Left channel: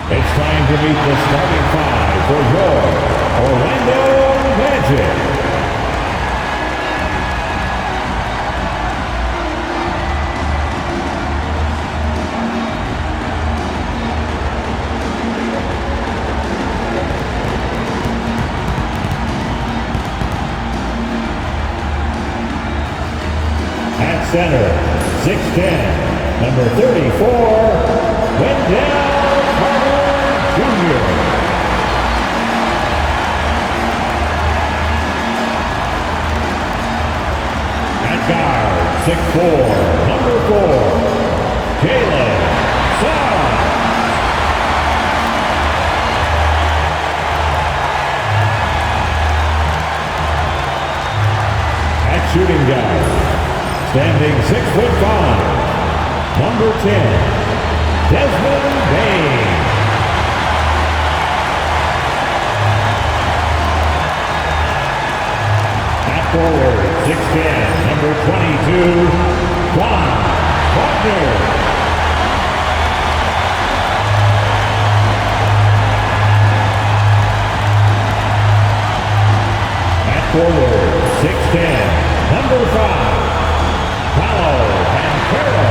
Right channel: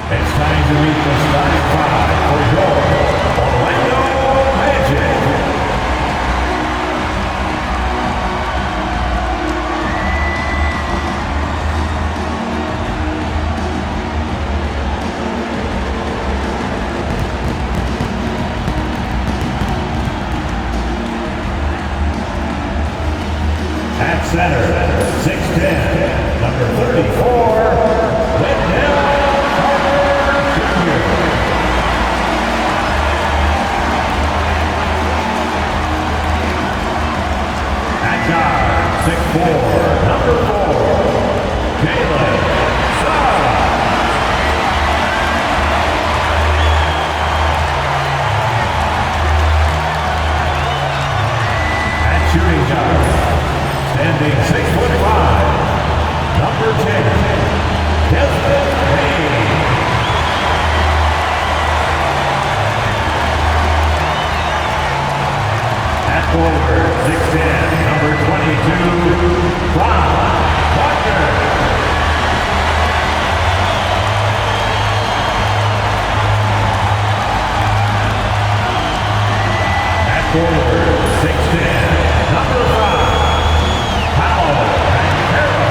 It's time to meet the starting five for your Orlando Magic. At center, 6'10", number 34, Wendell Jr. At guard, 6'4", number 4, Jalen Suggs. At shooting guard, standing 6'5", number 10, Desmond Bain. Forward, 6'10", number 22, Wagner. At forward, 6'10", number 5, Paolo Banchero.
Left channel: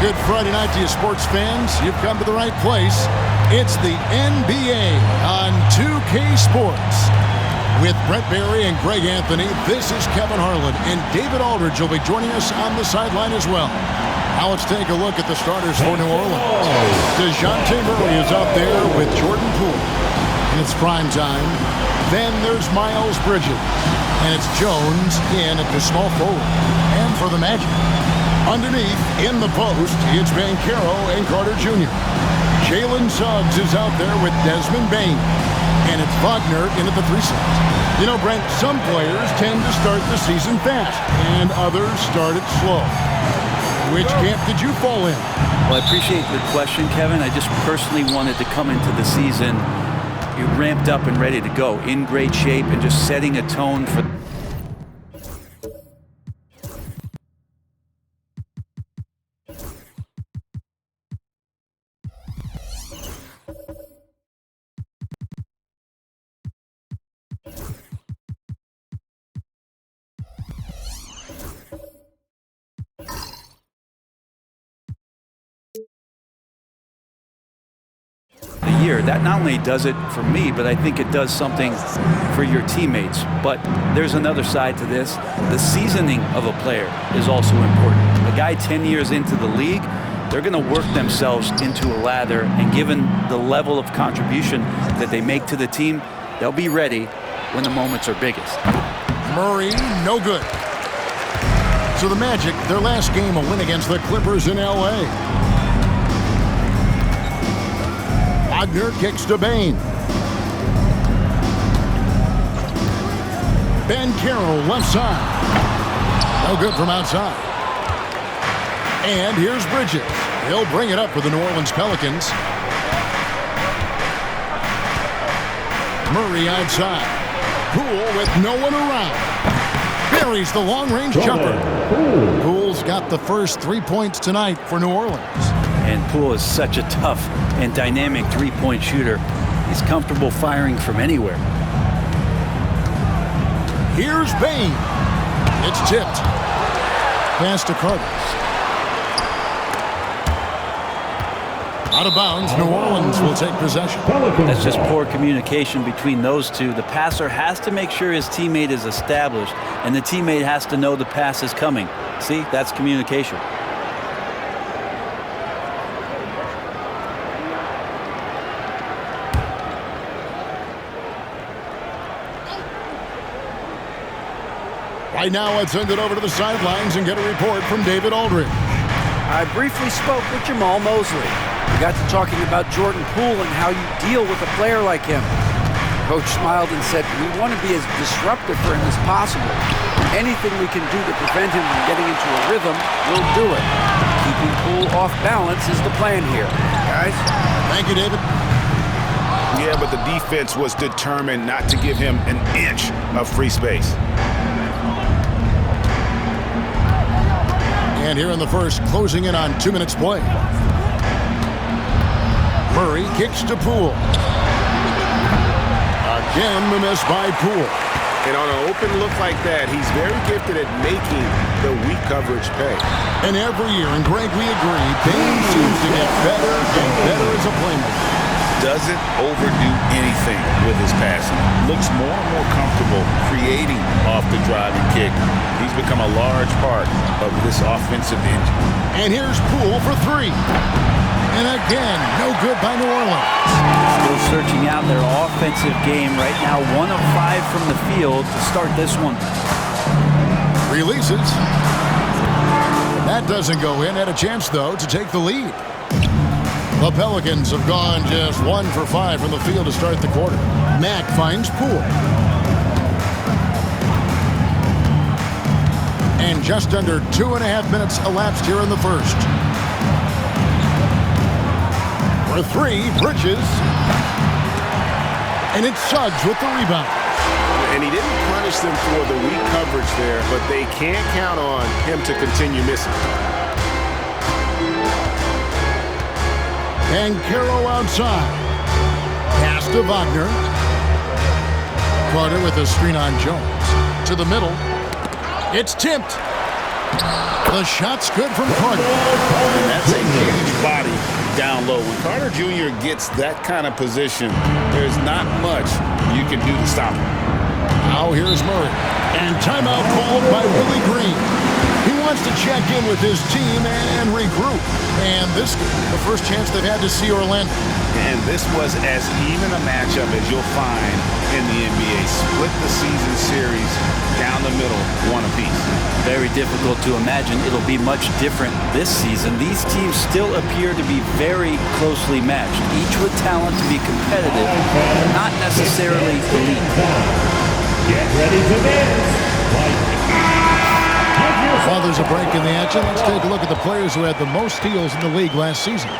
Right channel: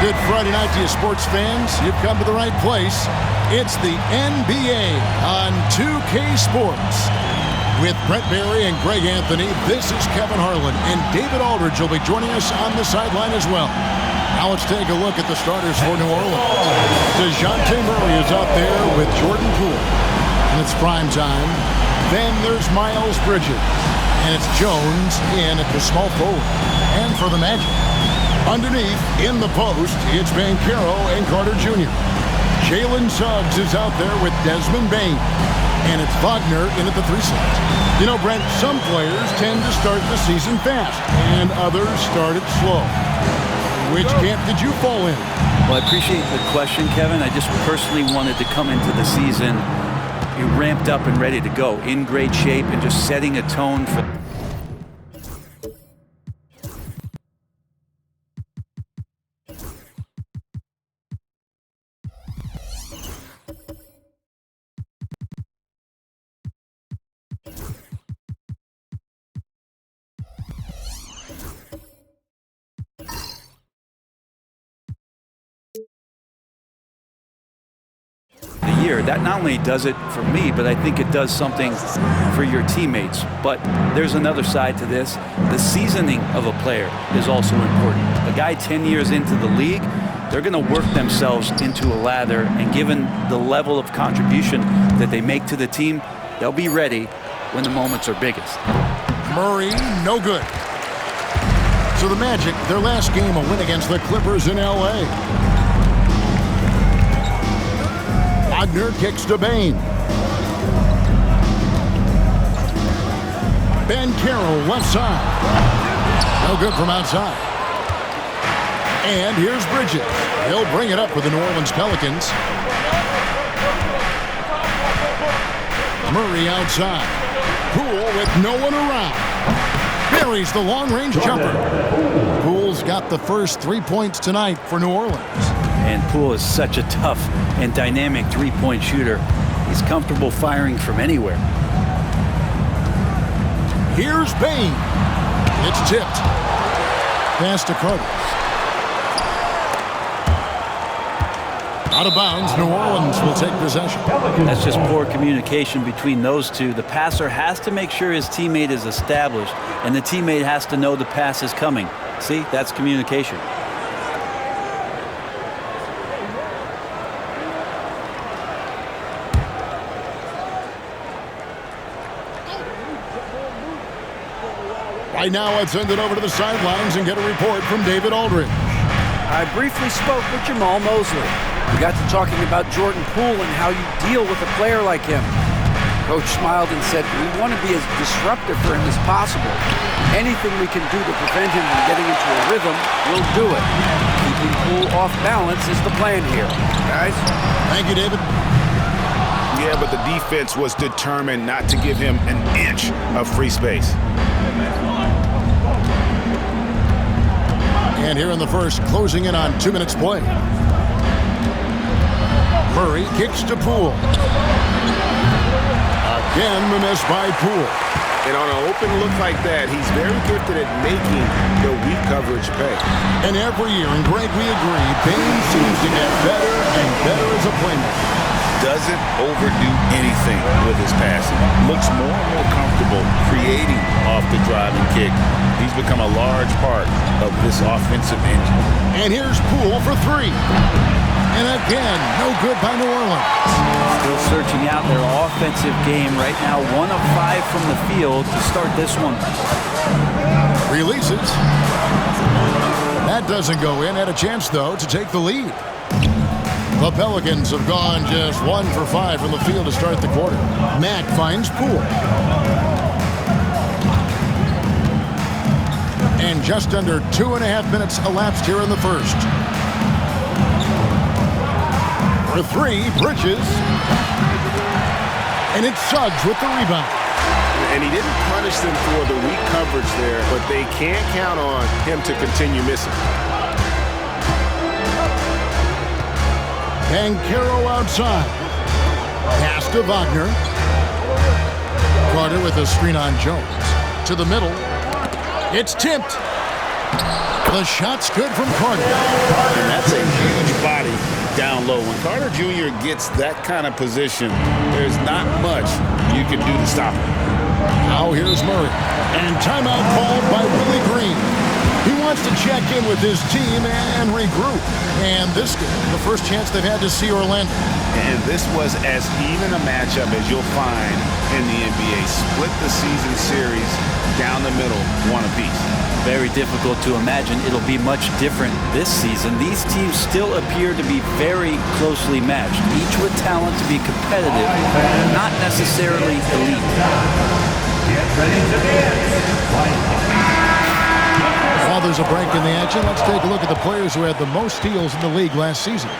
Good Friday night to you, sports fans. You've come to the right place. It's the NBA on 2K Sports. With Brett Barry and Greg Anthony, this is Kevin Harlan, and David Aldridge will be joining us on the sideline as well. Now let's take a look at the starters for New Orleans. DeJounte Murray is out there with Jordan Poole, and it's prime time. Then there's Miles Bridges, and it's Jones in at the small forward. And for the Magic, underneath, in the post, it's Banchero and Carter Jr. Jalen Suggs is out there with Desmond Bain. And it's Wagner in at the 3 slot. You know, Brent, some players tend to start the season fast, and others start it slow. Which camp did you fall in? Well, I appreciate the question, Kevin. I just personally wanted to come into the season ramped up and ready to go, in great shape, and just setting a tone for... year. That not only does it for me, but I think it does something for your teammates. But there's another side to this. The seasoning of a player is also important. A guy 10 years into the league, they're going to work themselves into a lather, and given the level of contribution that they make to the team, they'll be ready when the moments are biggest. Murray, no good. So the Magic, their last game, a win against the Clippers in L.A. Wagner kicks to Bain. Banchero left side. No good from outside. And here's Bridges. He'll bring it up for the New Orleans Pelicans. Murray outside. Poole with no one around. Buries the long-range jumper. Poole's got the first 3 points tonight for New Orleans. And Poole is such a tough and dynamic three-point shooter. He's comfortable firing from anywhere. Here's Bain. It's tipped. Pass to Carter. Out of bounds, New Orleans will take possession. That's just poor communication between those two. The passer has to make sure his teammate is established, and the teammate has to know the pass is coming. See, that's communication. Right now, let's send it over to the sidelines and get a report from David Aldridge. I briefly spoke with Jamal Mosley. We got to talking about Jordan Poole and how you deal with a player like him. Coach smiled and said, we want to be as disruptive for him as possible. Anything we can do to prevent him from getting into a rhythm, we'll do it. Keeping Poole off balance is the plan here. Guys? Thank you, David. Yeah, but the defense was determined not to give him an inch of free space. And here in the first, closing in on 2 minutes play. Murray kicks to Poole. Again, the miss by Poole. And on an open look like that, he's very gifted at making the weak coverage pay. And every year, and Greg, we agree, Bain seems to get better and better as a playmaker. Doesn't overdo anything with his passing. Looks more and more comfortable creating off the driving kick. He's become a large part of this offensive engine. And here's Poole for three. And again, no good by New Orleans. Still searching out their offensive game right now. 1 of 5 from the field to start this one. Releases. That doesn't go in. Had a chance, though, to take the lead. The Pelicans have gone just 1 for 5 from the field to start the quarter. Mack finds Poole. And just under 2.5 minutes elapsed here in the first. For three, Bridges. And it's Suggs with the rebound. And he didn't punish them for the weak coverage there, but they can't count on him to continue missing. Banchero outside. Pass to Wagner. Carter with a screen on Jones. To the middle. It's tipped. The shot's good from Carter. And that's a huge body down low. When Carter Jr. gets that kind of position, there's not much you can do to stop him. Now here's Murray. And timeout called by Willie Green. He wants to check in with his team and regroup. And this game, the first chance they've had to see Orlando. And this was as even a matchup as you'll find in the NBA. Split the season series down the middle, 1 apiece. Very difficult to imagine it'll be much different this season. These teams still appear to be very closely matched, each with talent to be competitive, but not necessarily elite. Get ready to dance. While there's a break in the action, let's take a look at the players who had the most steals in the league last season.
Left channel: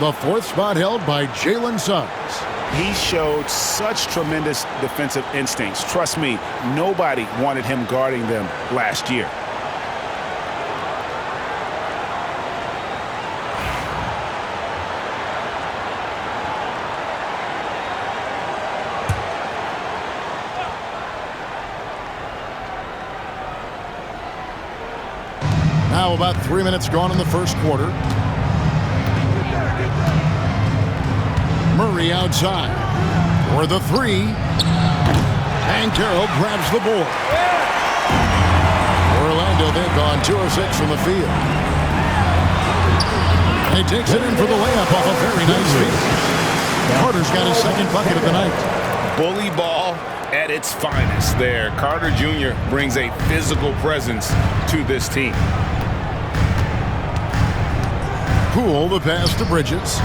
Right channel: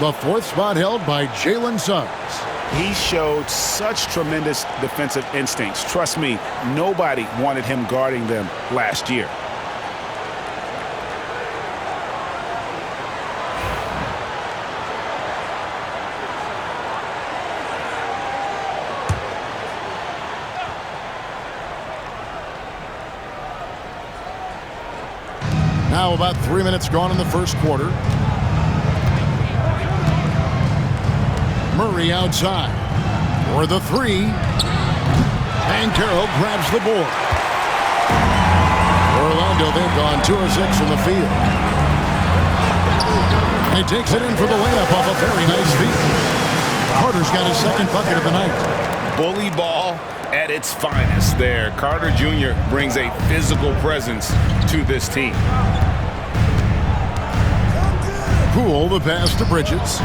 The 4th spot held by Jalen Suggs. He showed such tremendous defensive instincts. Trust me, nobody wanted him guarding them last year. Now about 3 minutes gone in the first quarter. Murray outside for the three. And Carroll grabs the board. Orlando, they've gone 2 of 6 from the field. He takes it in for the layup off a very nice feed. Carter's got his second bucket of the night. Bully ball at its finest there. Carter Jr. brings a physical presence to this team. Poole, the pass to Bridges.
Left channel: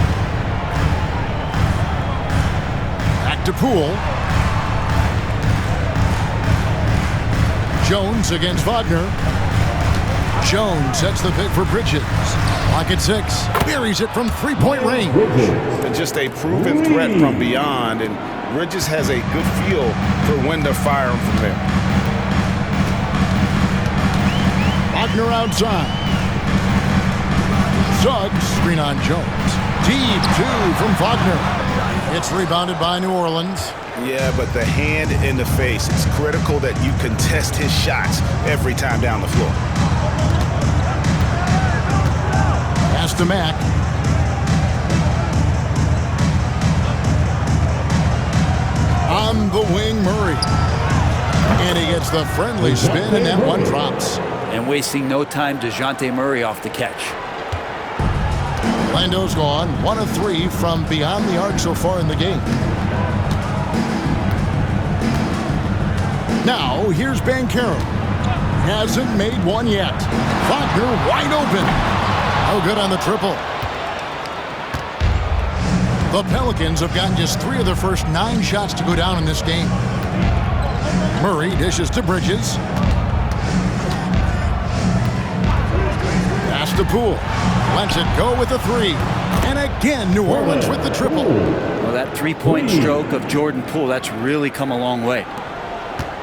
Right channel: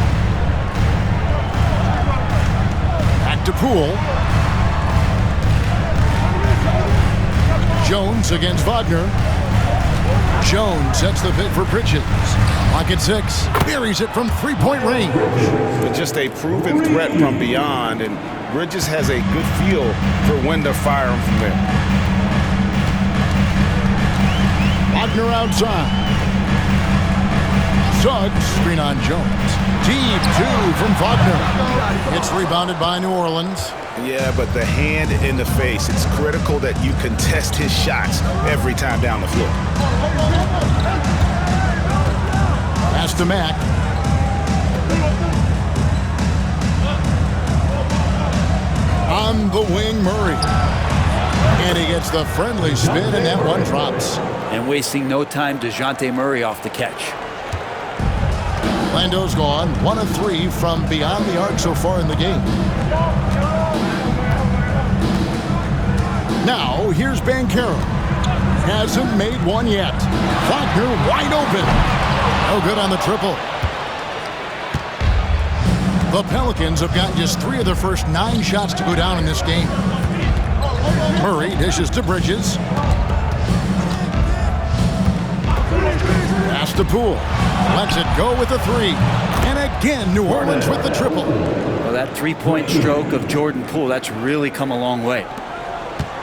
Back to Poole. Jones against Wagner. Jones sets the pick for Bridges. Pocket 6. Buries it from three-point range. And just a proven threat from beyond, and Bridges has a good feel for when to fire him from there. Wagner outside. Suggs, screen on Jones. Deep 2 from Wagner. It's rebounded by New Orleans. Yeah, but the hand in the face, it's critical that you contest his shots every time down the floor. Pass to Mack. On the wing, Murray. And he gets the friendly spin, and that one drops. And wasting no time, DeJounte Murray off the catch. Orlando's gone 1 of 3 from beyond the arc so far in the game. Now, here's Banchero. Hasn't made one yet. Wagner wide open. No good on the triple. The Pelicans have gotten just 3 of their first 9 shots to go down in this game. Murray dishes to Bridges. Pass to Poole. Lets it go with a 3. And again, New Orleans with the triple. Well, that three-point stroke of Jordan Poole, that's really come a long way.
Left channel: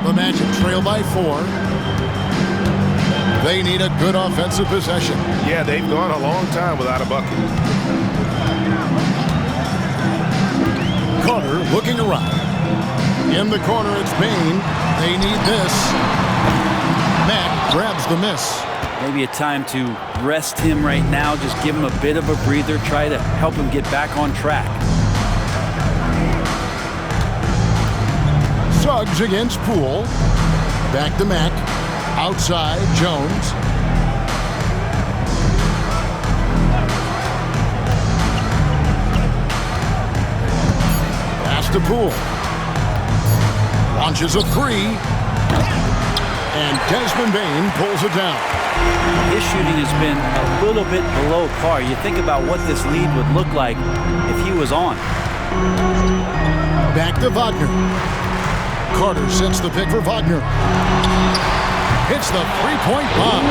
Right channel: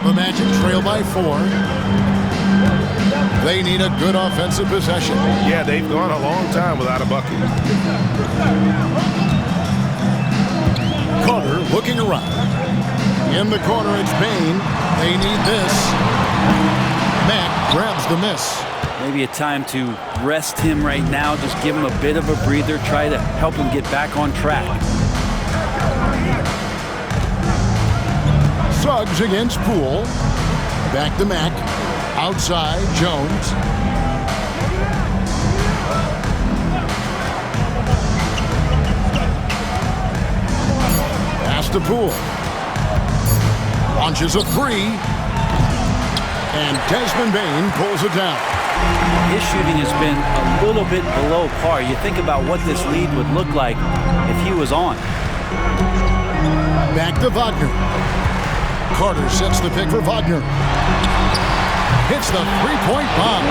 The Magic trail by 4. They need a good offensive possession. Yeah, they've gone a long time without a bucket. Carter looking around. In the corner, it's Bain. They need this. Mack grabs the miss. Maybe a time to rest him right now. Just give him a bit of a breather. Try to help him get back on track. Suggs against Poole. Back to Mack. Outside, Jones. Pass to Poole. Launches a three. And Desmond Bain pulls it down. His shooting has been a little bit below par. You think about what this lead would look like if he was on. Back to Wagner. Carter sets the pick for Wagner. Hits the three-point bomb.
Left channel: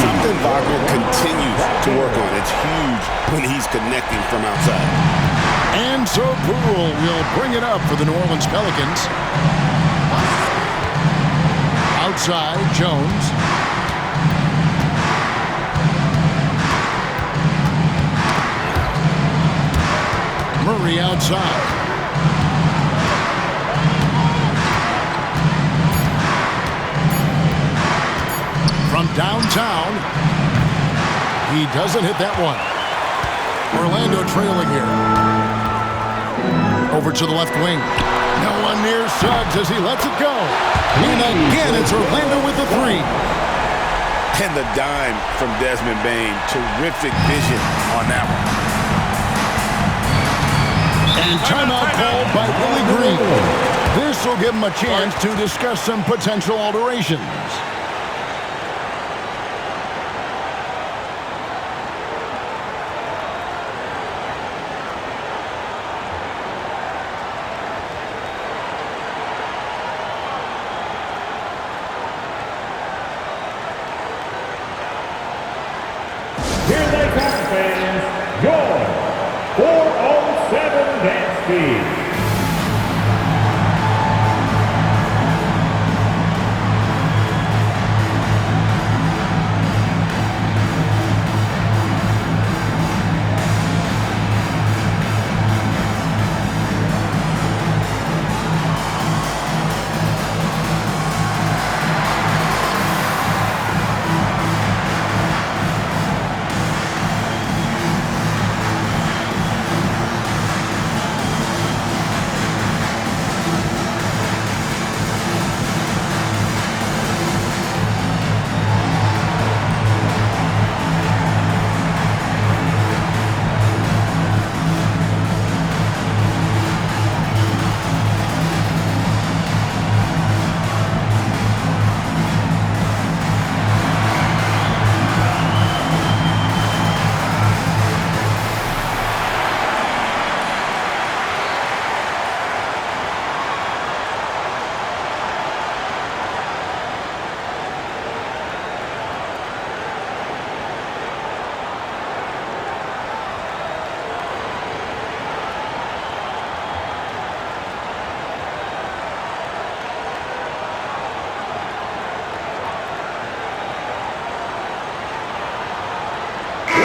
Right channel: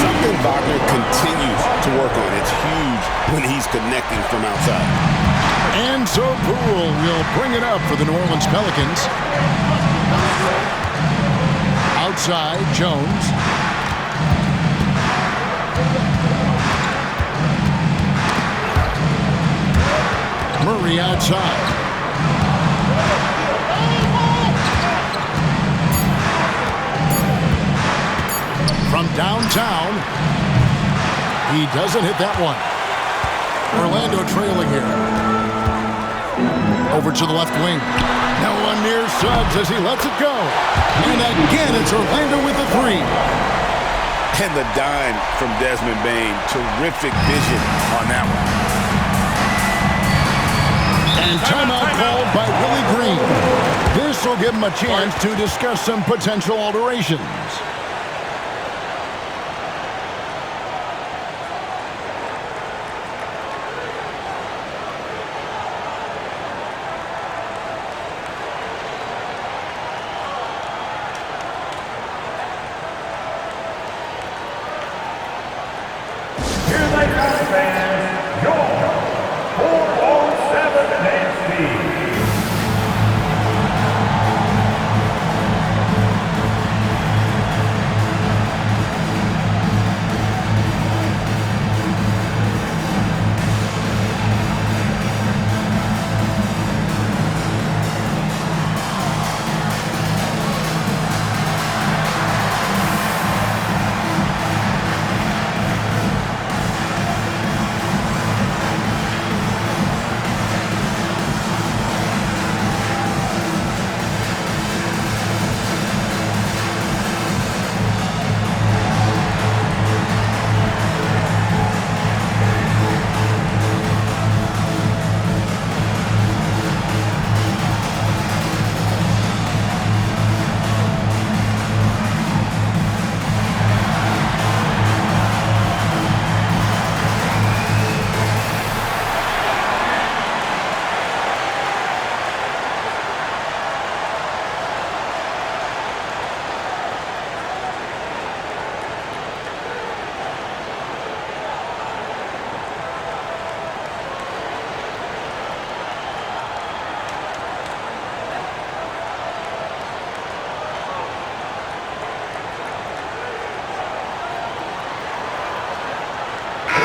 Something Wagner continues to work on. It's huge when he's connecting from outside. And so Poole will bring it up for the New Orleans Pelicans. Outside, Jones. Murray outside. From downtown, he doesn't hit that one. Orlando trailing here. Over to the left wing. No one near Suggs as he lets it go. And again, it's Orlando with the three. And the dime from Desmond Bain. Terrific vision on that one. And timeout called by Willie Green. This will give him a chance to discuss some potential alterations. Here they come, fans. Your 407 dance speed.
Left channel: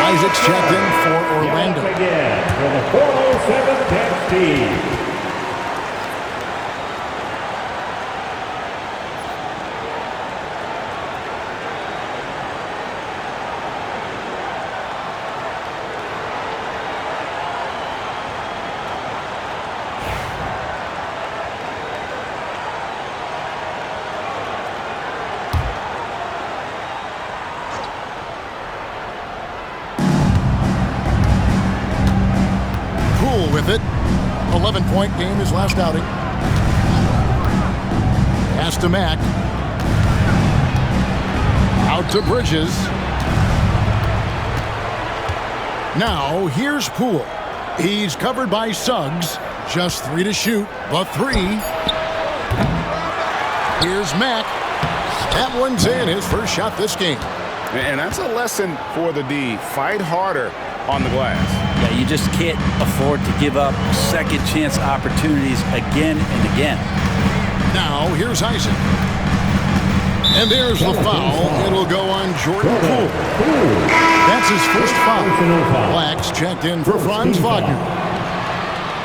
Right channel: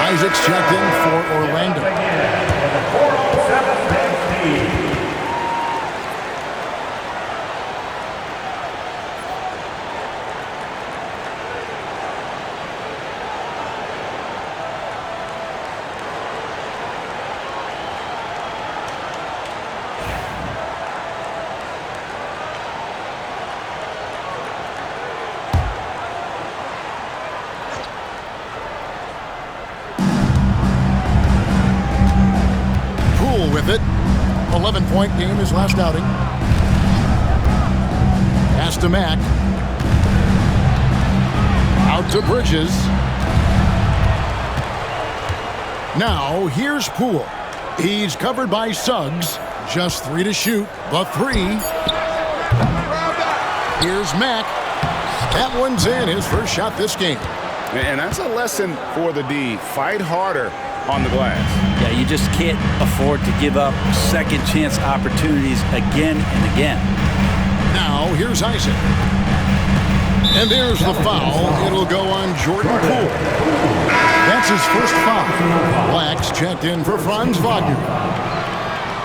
Isaac's checked in for Orlando. Again with a 407 dance speed. With it. 11-point game his last outing. Pass to Mack. Out to Bridges. Now here's Poole. He's covered by Suggs. Just 3 to shoot. The 3. Here's Mack. That one's in. His first shot this game. And that's a lesson for the D. Fight harder on the glass. Yeah, you just can't afford to give up second chance opportunities again and again. Now here's Isaac. And there's the foul. It'll go on Jordan Poole. That's his first foul. Black's checked in for Franz Wagner.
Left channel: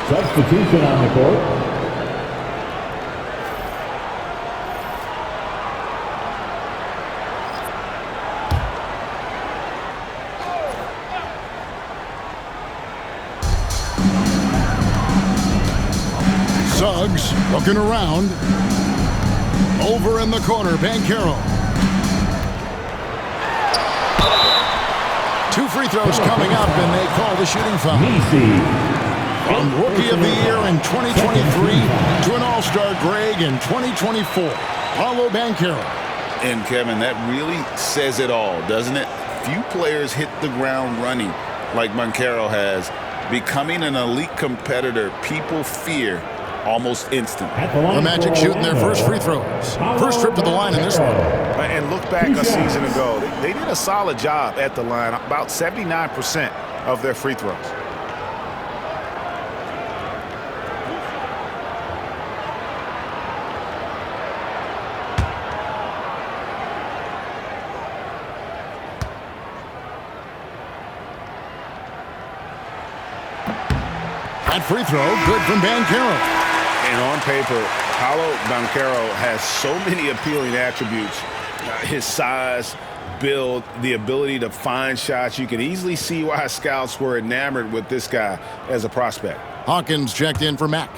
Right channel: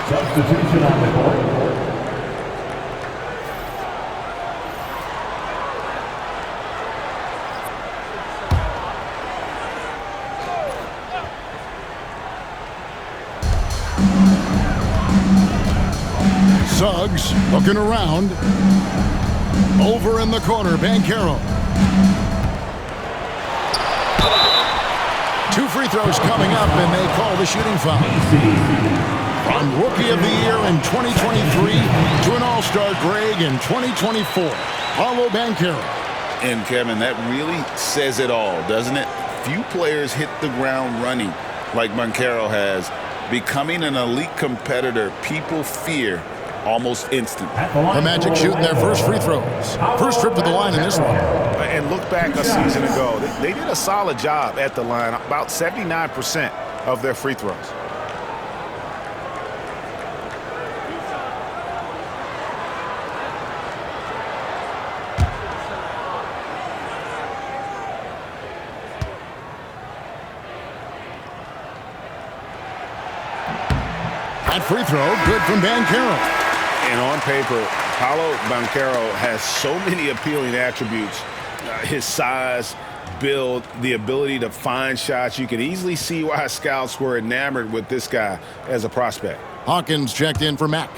Substitution on the court. Suggs looking around. Over in the corner, Banchero. 2 free throws coming up, and they call the shooting foul. From Rookie of the Year in 2023 to an All-Star Greg in 2024, Paolo Banchero. And, Kevin, that really says it all, doesn't it? Few players hit the ground running like Banchero has. Becoming an elite competitor, people fear almost instant. The Magic shooting their first free throws. First trip to the line in this one. And look back a season ago. They did a solid job at the line, about 79% of their free throws. That free throw, good from Banchero. And on paper, Paolo Banchero has so many appealing attributes. His size, build, the ability to find shots. You can easily see why scouts were enamored with this guy as a prospect. Hawkins checked in for Mack.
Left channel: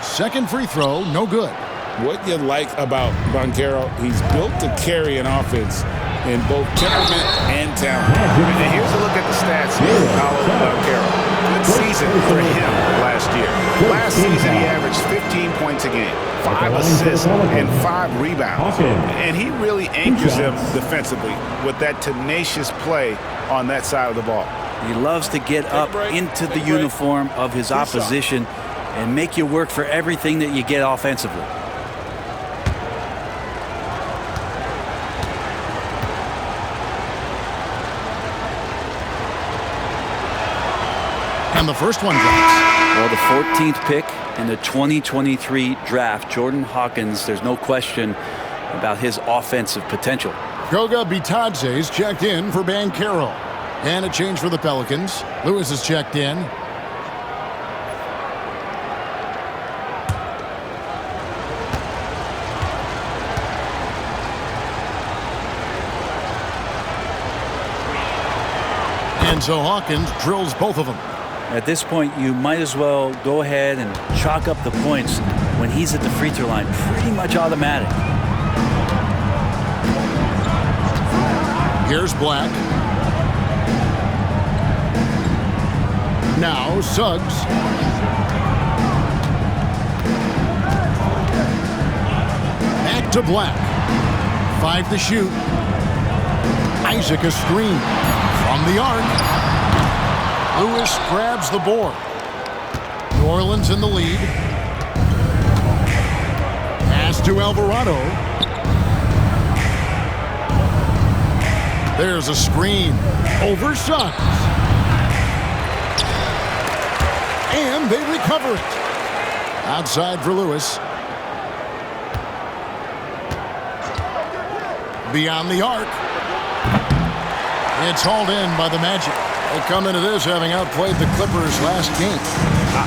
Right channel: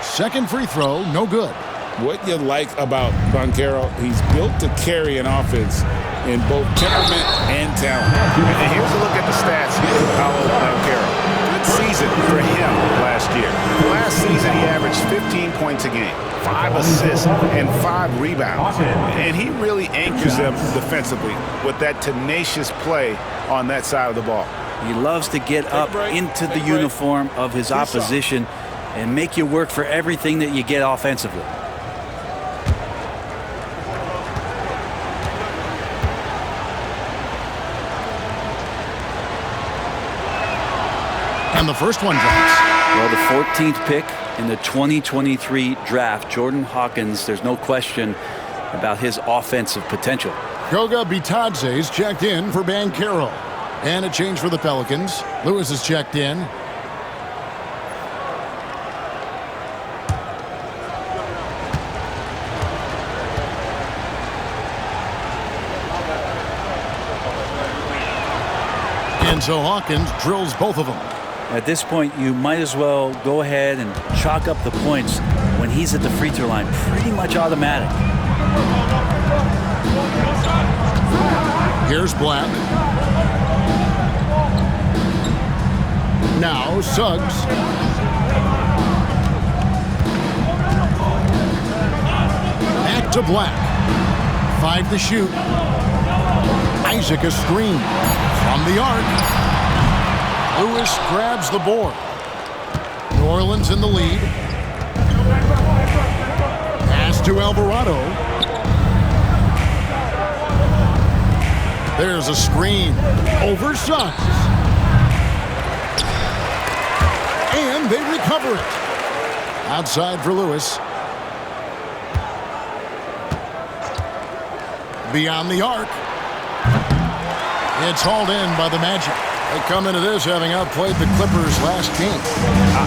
Second free throw, no good. What you like about Banchero, he's built to carry an offense in both temperament and talent. And here's a look at the stats here for Paolo Banchero. Good season for him last year. Last season, he averaged 15 points a game, 5 assists, and 5 rebounds. And he really anchors them defensively with that tenacious play on that side of the ball. He loves to get up into the uniform of his opposition and make you work for everything that you get offensively. And the first one drops. Well, the 14th pick in the 2023 draft, Jordan Hawkins, there's no question about his offensive potential. Goga Bitadze's checked in for Banchero. And a change for the Pelicans. Lewis is checked in. And so Hawkins drills both of them. At this point, you might as well go ahead and chalk up the points when he's at the free throw line. Pretty much automatic. Here's Black. Now Suggs. Back to Black. 5 to shoot. Isaac a screen. From the arc. Lewis grabs the board. New Orleans in the lead. Pass to Alvarado. There's a screen over Suggs. And they recover it. Outside for Lewis. Beyond the arc. It's hauled in by the Magic. They come into this having outplayed the Clippers last game.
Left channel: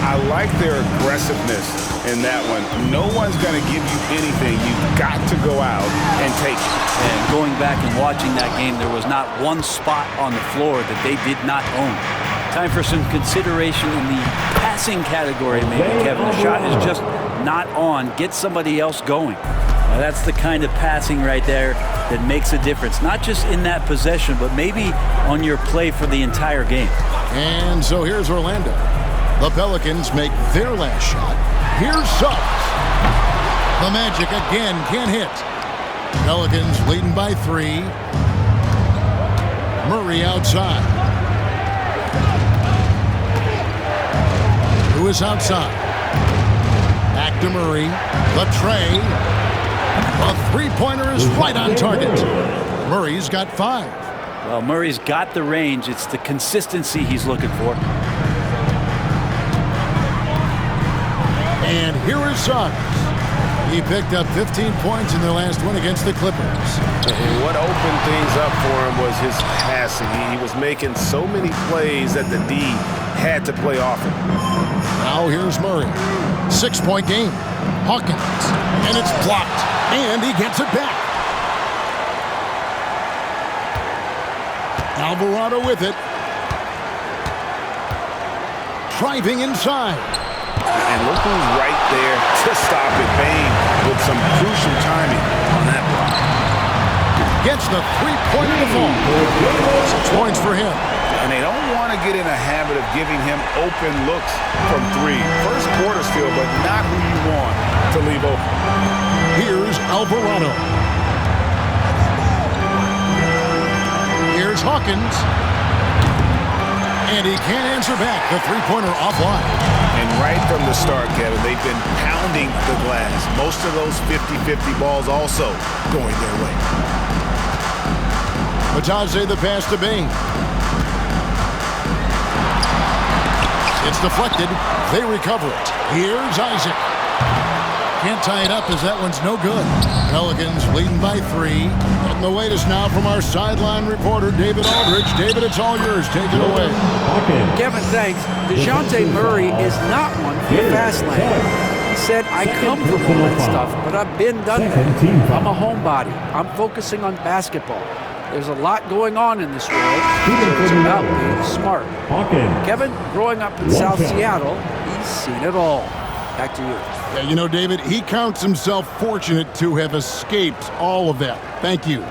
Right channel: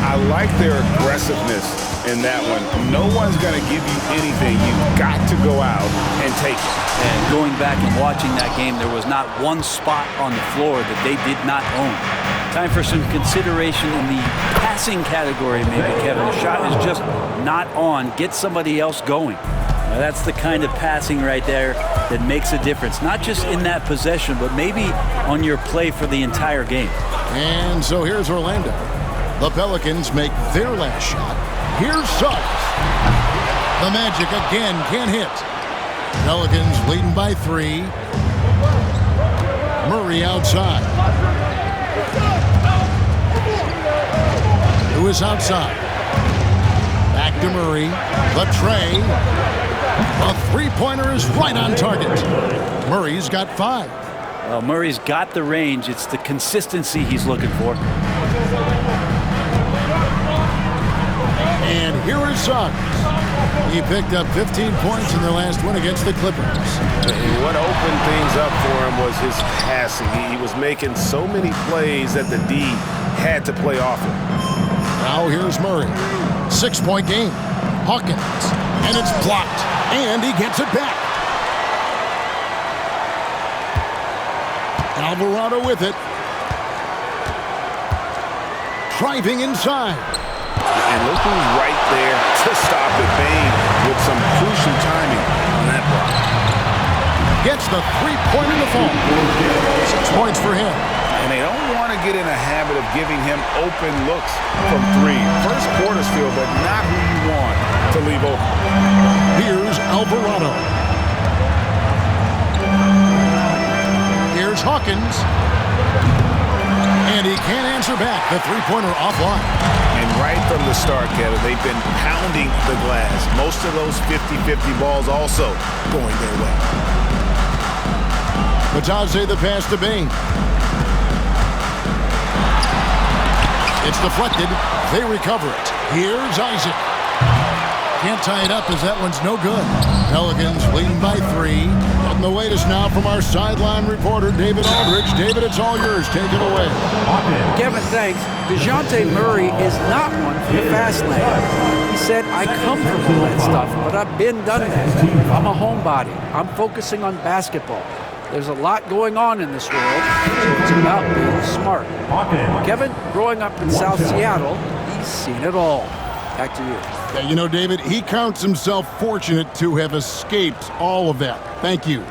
I like their aggressiveness in that one. No one's going to give you anything. You've got to go out and take it. And going back and watching that game, there was not one spot on the floor that they did not own. Time for some consideration in the passing category, maybe, Kevin. The shot is just not on. Get somebody else going. Now, that's the kind of passing right there that makes a difference, not just in that possession, but maybe on your play for the entire game. And so here's Orlando. The Pelicans make their last shot. Here's Suggs. The Magic again can't hit. Pelicans leading by 3. Murray outside. Lewis outside. Back to Murray. The tray. The three-pointer is right on target. Murray's got 5. Well, Murray's got the range. It's the consistency he's looking for. And here is Suggs. He picked up 15 points in their last win against the Clippers. And what opened things up for him was his passing. He was making so many plays that the D had to play off him. Now here's Murray. 6-point game. Hawkins. And it's blocked. And he gets it back. Alvarado with it. Driving inside. And look who's right there to stop it. Bane with some crucial timing on that block. Gets the three-pointer to fall. 6 points for him. And they don't want to get in a habit of giving him open looks from three. First quarter's feel, but not who you want to leave open. Here's Alvarado. Here's Hawkins. And he can't answer back. The three-pointer offline. And right from the start, Kevin, they've been pounding the glass. Most of those 50-50 balls also going their way. Matadze the pass to Bane. It's deflected. They recover it. Here's Isaac. Can't tie it up as that one's no good. Pelicans leading by 3. Getting the latest now from our sideline reporter, David Aldridge. David, it's all yours. Take it away. Kevin, thanks. DeJounte Murray is not one for the fast lane. He said, I come from all that stuff, but I've been done that. I'm a homebody. I'm focusing on basketball. There's a lot going on in this world, so it's about being smart. Kevin, growing up in South Seattle, he's seen it all. Back to you. Yeah, you know, David, he counts himself fortunate to have escaped all of that. Thank you.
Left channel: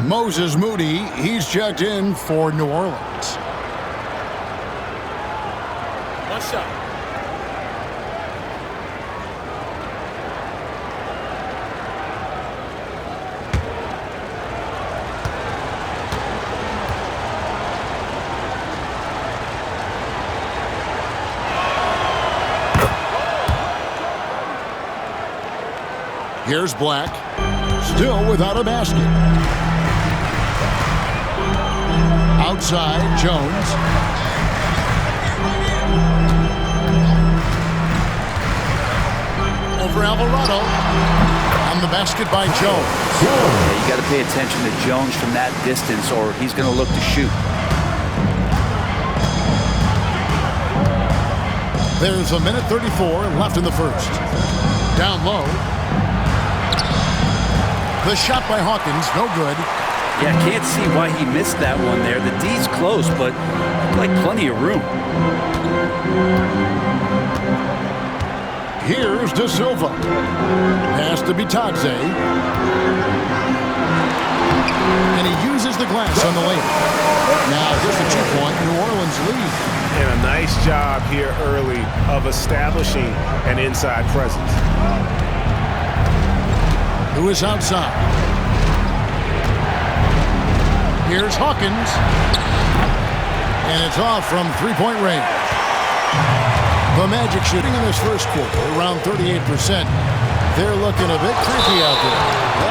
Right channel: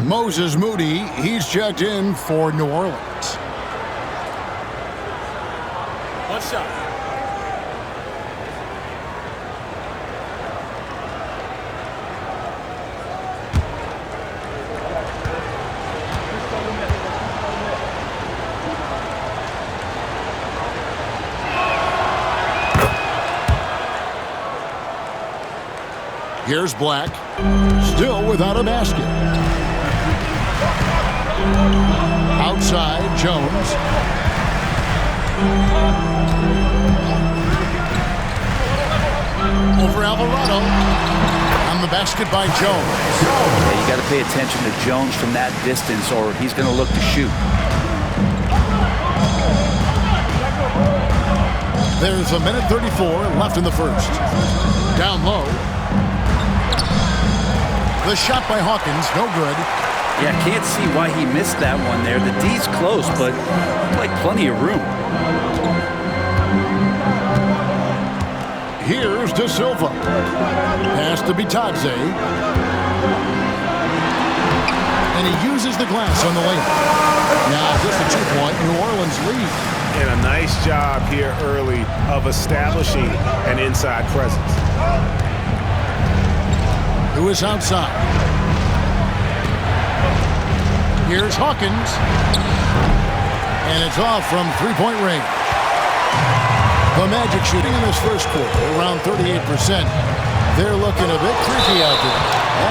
Moses Moody, he's checked in for New Orleans. One shot. Here's Black, still without a basket. Outside, Jones. Over Alvarado. And the basket by Jones. Yeah, you got to pay attention to Jones from that distance or he's going to look to shoot. There's a minute 34 left in the first. Down low. The shot by Hawkins, no good. Yeah, can't see why he missed that one there. The D's close, but like plenty of room. Here's De Silva. Pass to Bitadze. And he uses the glass on the layup. Now just a 2-point New Orleans lead. And a nice job here early of establishing an inside presence. Who is outside? Here's Hawkins. And it's off from three-point range. The Magic shooting in this first quarter around 38%. They're looking a bit creaky out there.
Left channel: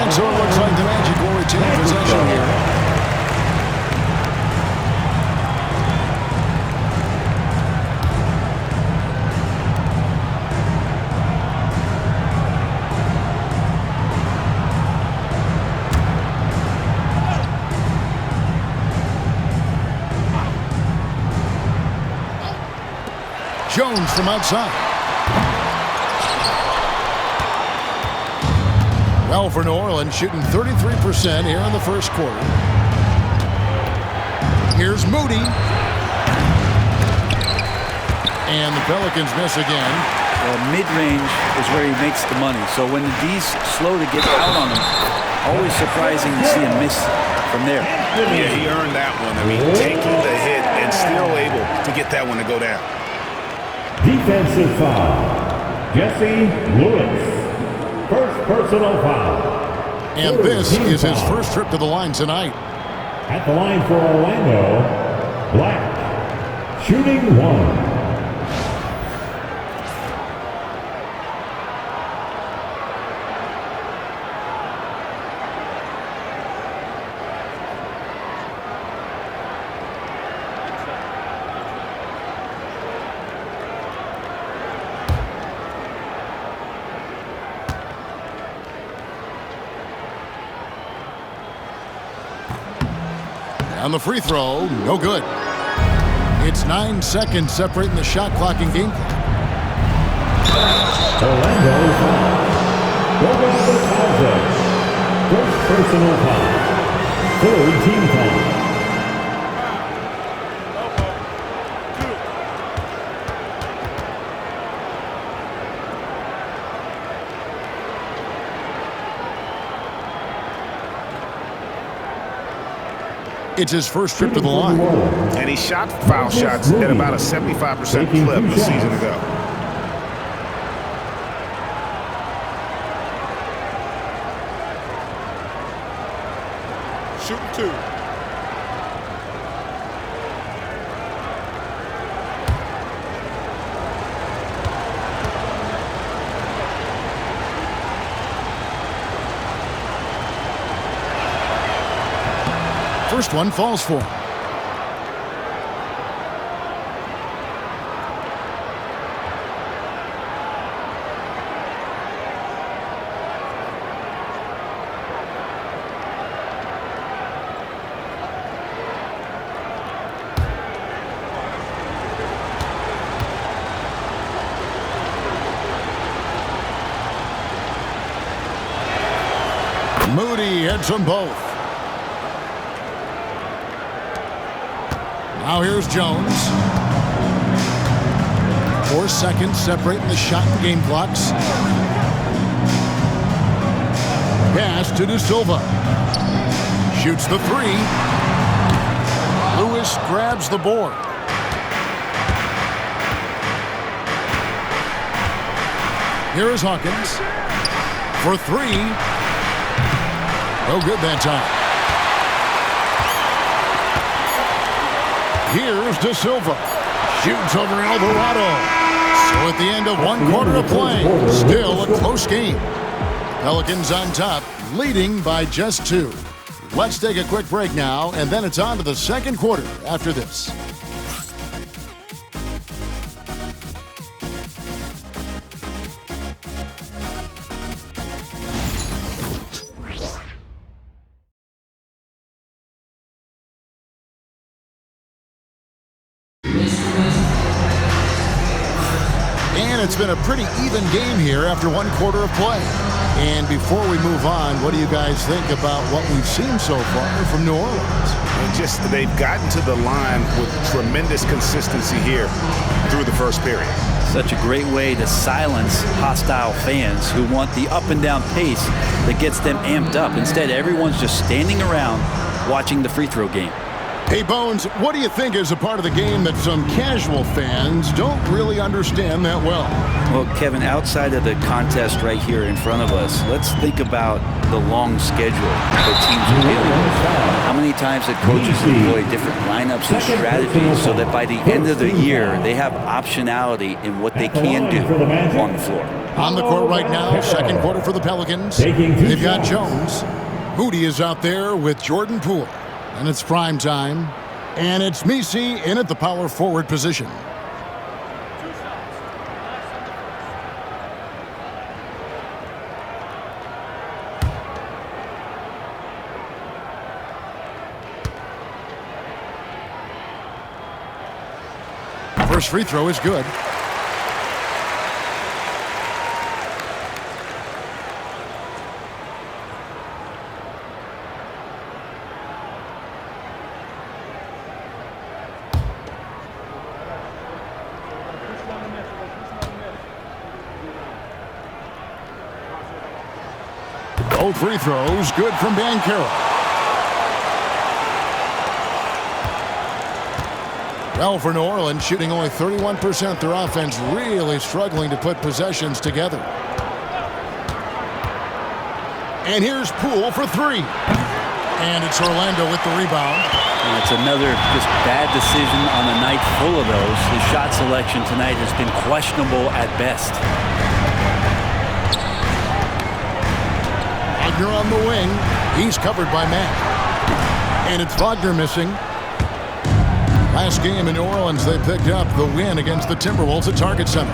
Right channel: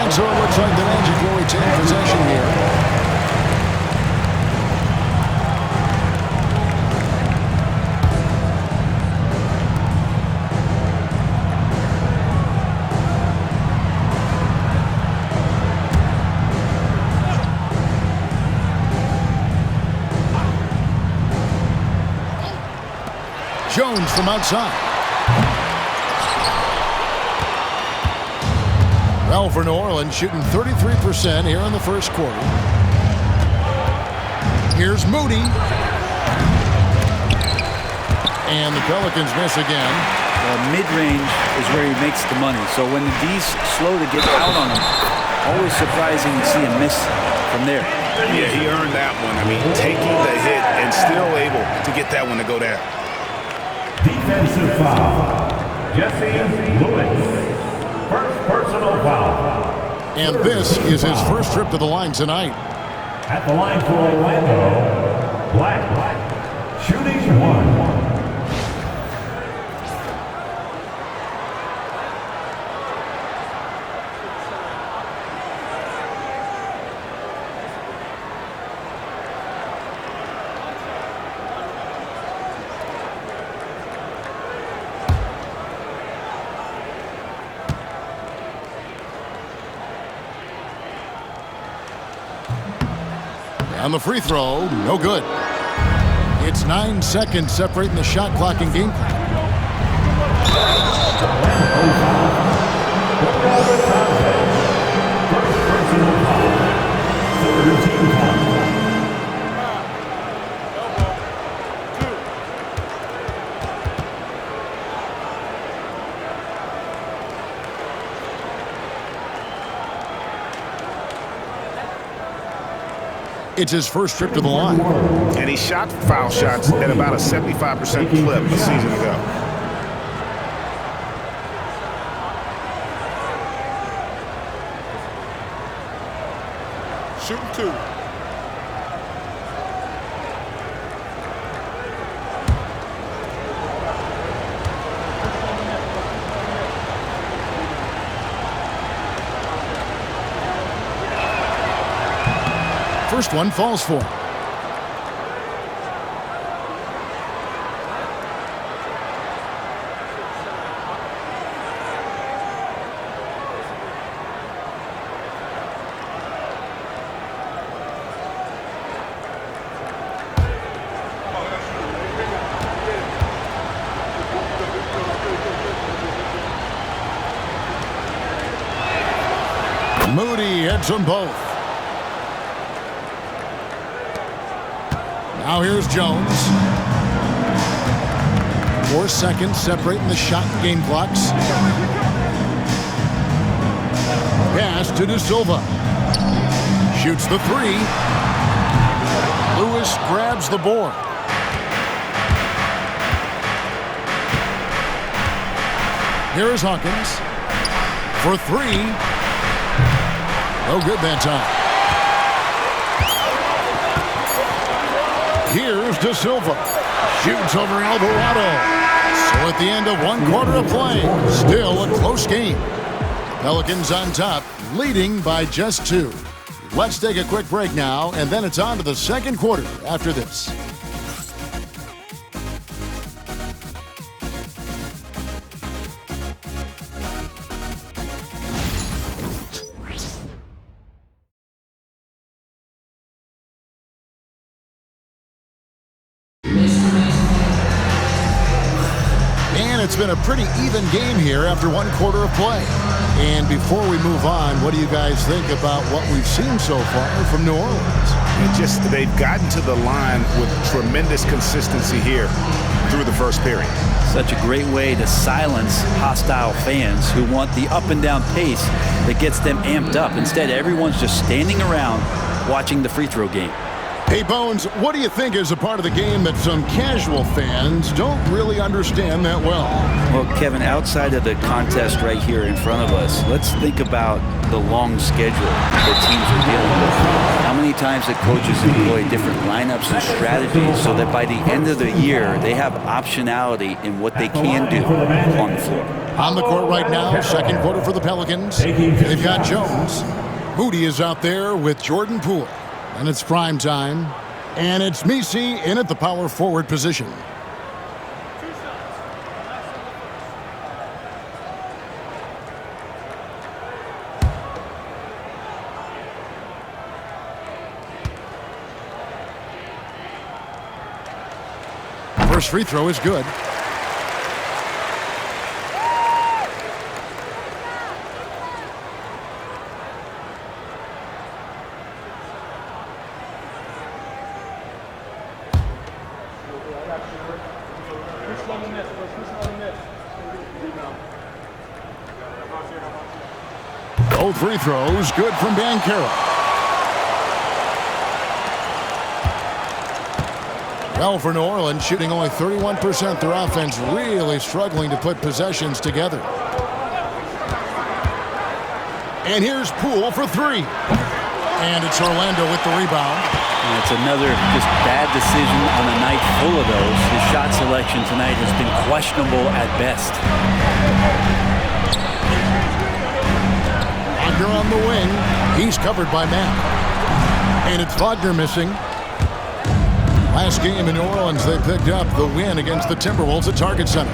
And so it looks like the Magic will retain possession here. Jones from outside. Well, for New Orleans, shooting 33% here in the first quarter. Here's Moody. And the Pelicans miss again. Well, mid-range is where he makes the money. So when the D's slow to get out on him, always surprising to see him miss from there. Yeah, he earned that one. I mean, taking the hit and still able to get that one to go down. Defensive foul. Jesse Lewis. First personal foul. And this is his first trip to the line tonight. At the line for Orlando, Black. Shooting 1. On the free throw, no good. It's 9 seconds separating the shot clock and game clock. Orlando foul. First personal foul. Third team foul. It's his first trip to the line. And he shot foul shots at about a 75% clip a season ago. Shooting 2. First one falls for him. Moody hits them both. Now here's Jones. 4 seconds separating the shot and game clocks. Pass to De Silva. Shoots the 3. Lewis grabs the board. Here is Hawkins for 3. No good that time. Here's De Silva. Shoots over Alvarado. So at the end of 1 quarter of play, still a close game. Pelicans on top, leading by just 2. Let's take a quick break now, and then it's on to the second quarter after this. And it's been a pretty even game here after 1 quarter of play. And before we move on, what do you guys think about what we've seen so far from New Orleans? They've gotten to the line with tremendous consistency here through the first period. Such a great way to silence hostile fans who want the up and down pace that gets them amped up. Instead, everyone's just standing around watching the free throw game. Hey, Bones, what do you think is a part of the game that some casual fans don't really understand that well? Well, Kevin, outside of the contest right here in front of us, let's think about the long schedule that teams are dealing with. How many times that coaches employ different lineups and strategies so that by the end of the year, they have optionality in what they can do on the floor. On the court right now, second quarter for the Pelicans. They've got Jones. Moody is out there with Jordan Poole. And it's prime time. And it's Messi in at the power forward position. 2 shots. Relax on the First free throw is good. Both free throws good from Banchero. Well, for New Orleans, shooting only 31%, their offense really struggling to put possessions together. And here's Poole for 3. And it's Orlando with the rebound. And it's another just bad decision on a night full of those. His shot selection tonight has been questionable at best. Wagner on the wing. He's covered by Matt. And it's Wagner missing. Last game in New Orleans, they picked up the win against the Timberwolves at Target Center.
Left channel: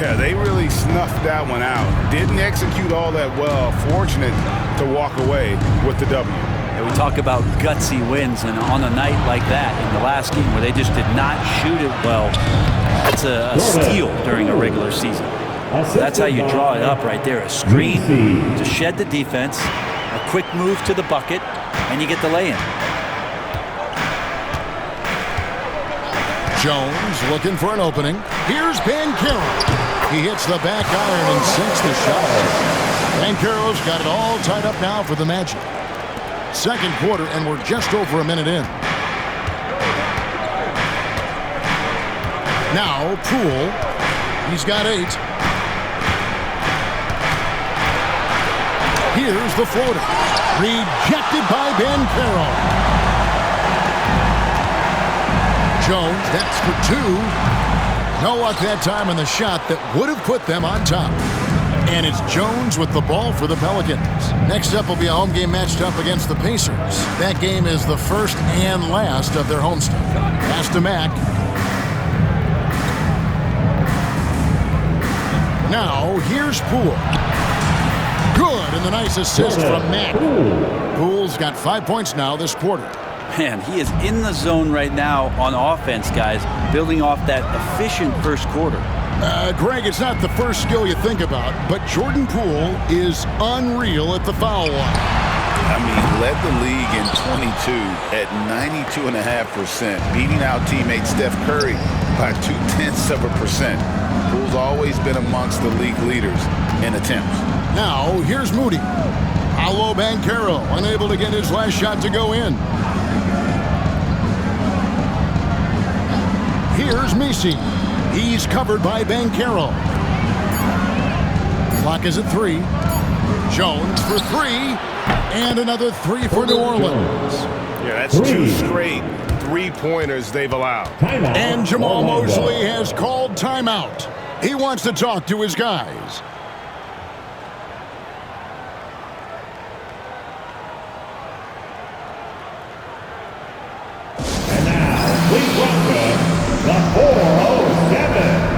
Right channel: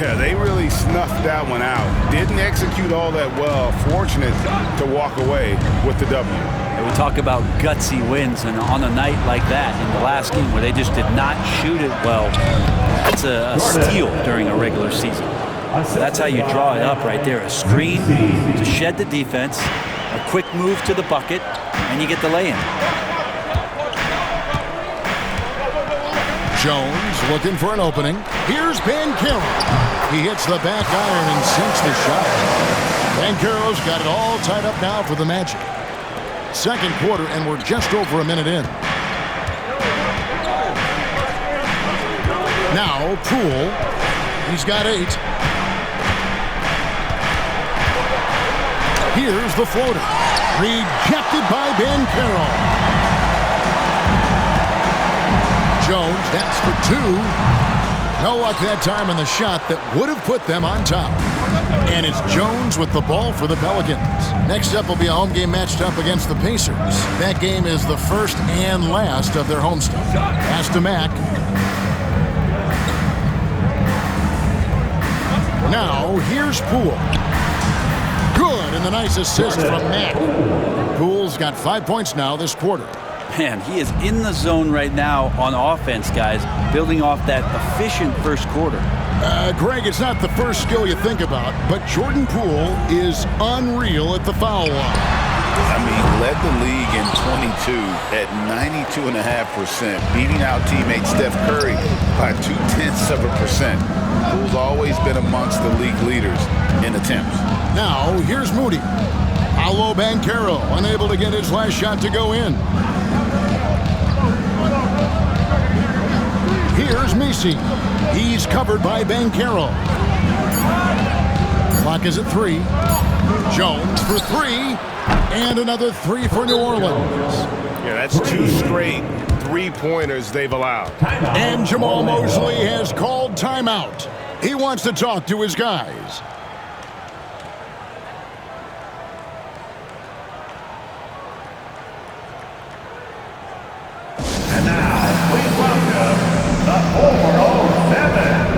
Yeah, they really snuffed that one out. Didn't execute all that well. Fortunate to walk away with the W. And we talk about gutsy wins, and on a night like that in the last game where they just did not shoot it well, that's a steal during a regular season. So that's how you draw it up right there. A screen to shed the defense, a quick move to the bucket, and you get the lay-in. Jones looking for an opening. Here's Banchero. He hits the back iron and sinks the shot. Banchero's got it all tied up now for the Magic. Second quarter, and we're just over a minute in. Now, Poole. He's got 8. Here's the floater. Rejected by Banchero. Jones, that's for 2. No luck that time on the shot that would have put them on top. And it's Jones with the ball for the Pelicans. Next up will be a home game matched up against the Pacers. That game is the first and last of their homestand. Pass to Mack. Now, here's Poole. Good, and the nice assist from Mack. Poole's got 5 points now this quarter. Man, he is in the zone right now on offense, guys, building off that efficient first quarter. Greg, it's not the first skill you think about, but Jordan Poole is unreal at the foul line. I mean, led the league in 22 at 92.5%, beating out teammate Steph Curry by 0.2%. Poole's always been amongst the league leaders in attempts. Now, here's Moody. Paolo Banchero, unable to get his last shot to go in. Here's Messi. He's covered by Banchero. Clock is at 3. Jones for 3. And another 3 for New Orleans. Yeah, that's 2 straight three-pointers they've allowed. And Jamal Mosley has called timeout. He wants to talk to his guys. And now, please welcome the 407.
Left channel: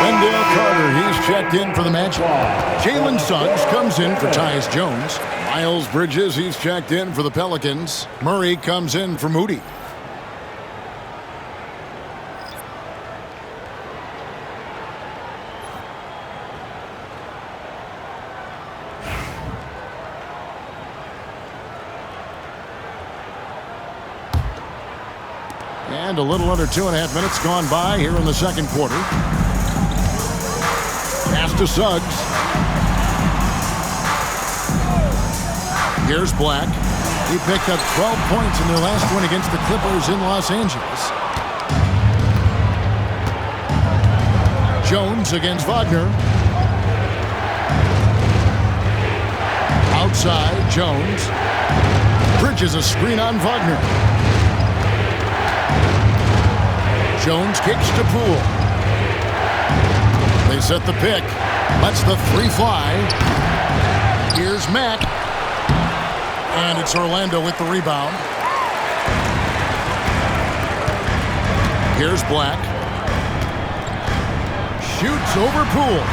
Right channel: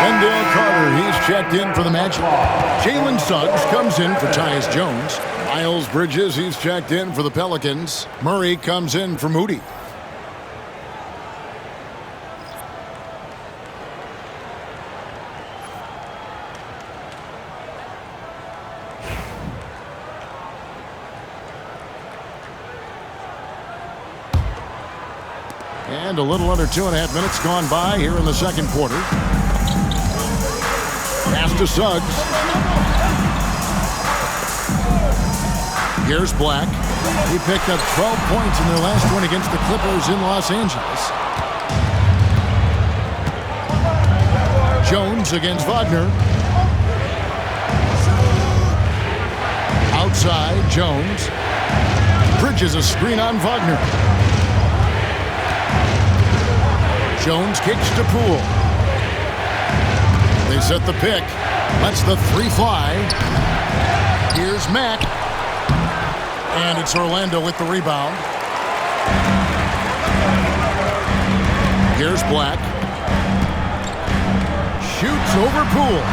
Wendell Carter, he's checked in for the Magic. Jalen Suggs comes in for Tyus Jones. Miles Bridges, he's checked in for the Pelicans. Murray comes in for Moody. And a little under 2.5 minutes gone by here in the second quarter. Pass to Suggs. Here's Black. He picked up 12 points in their last win against the Clippers in Los Angeles. Jones against Wagner. Outside, Jones. Bridges a screen on Wagner. Jones kicks to Poole. They set the pick. Lets the 3 fly. Here's Mack. And it's Orlando with the rebound. Here's Black. Shoots over Poole.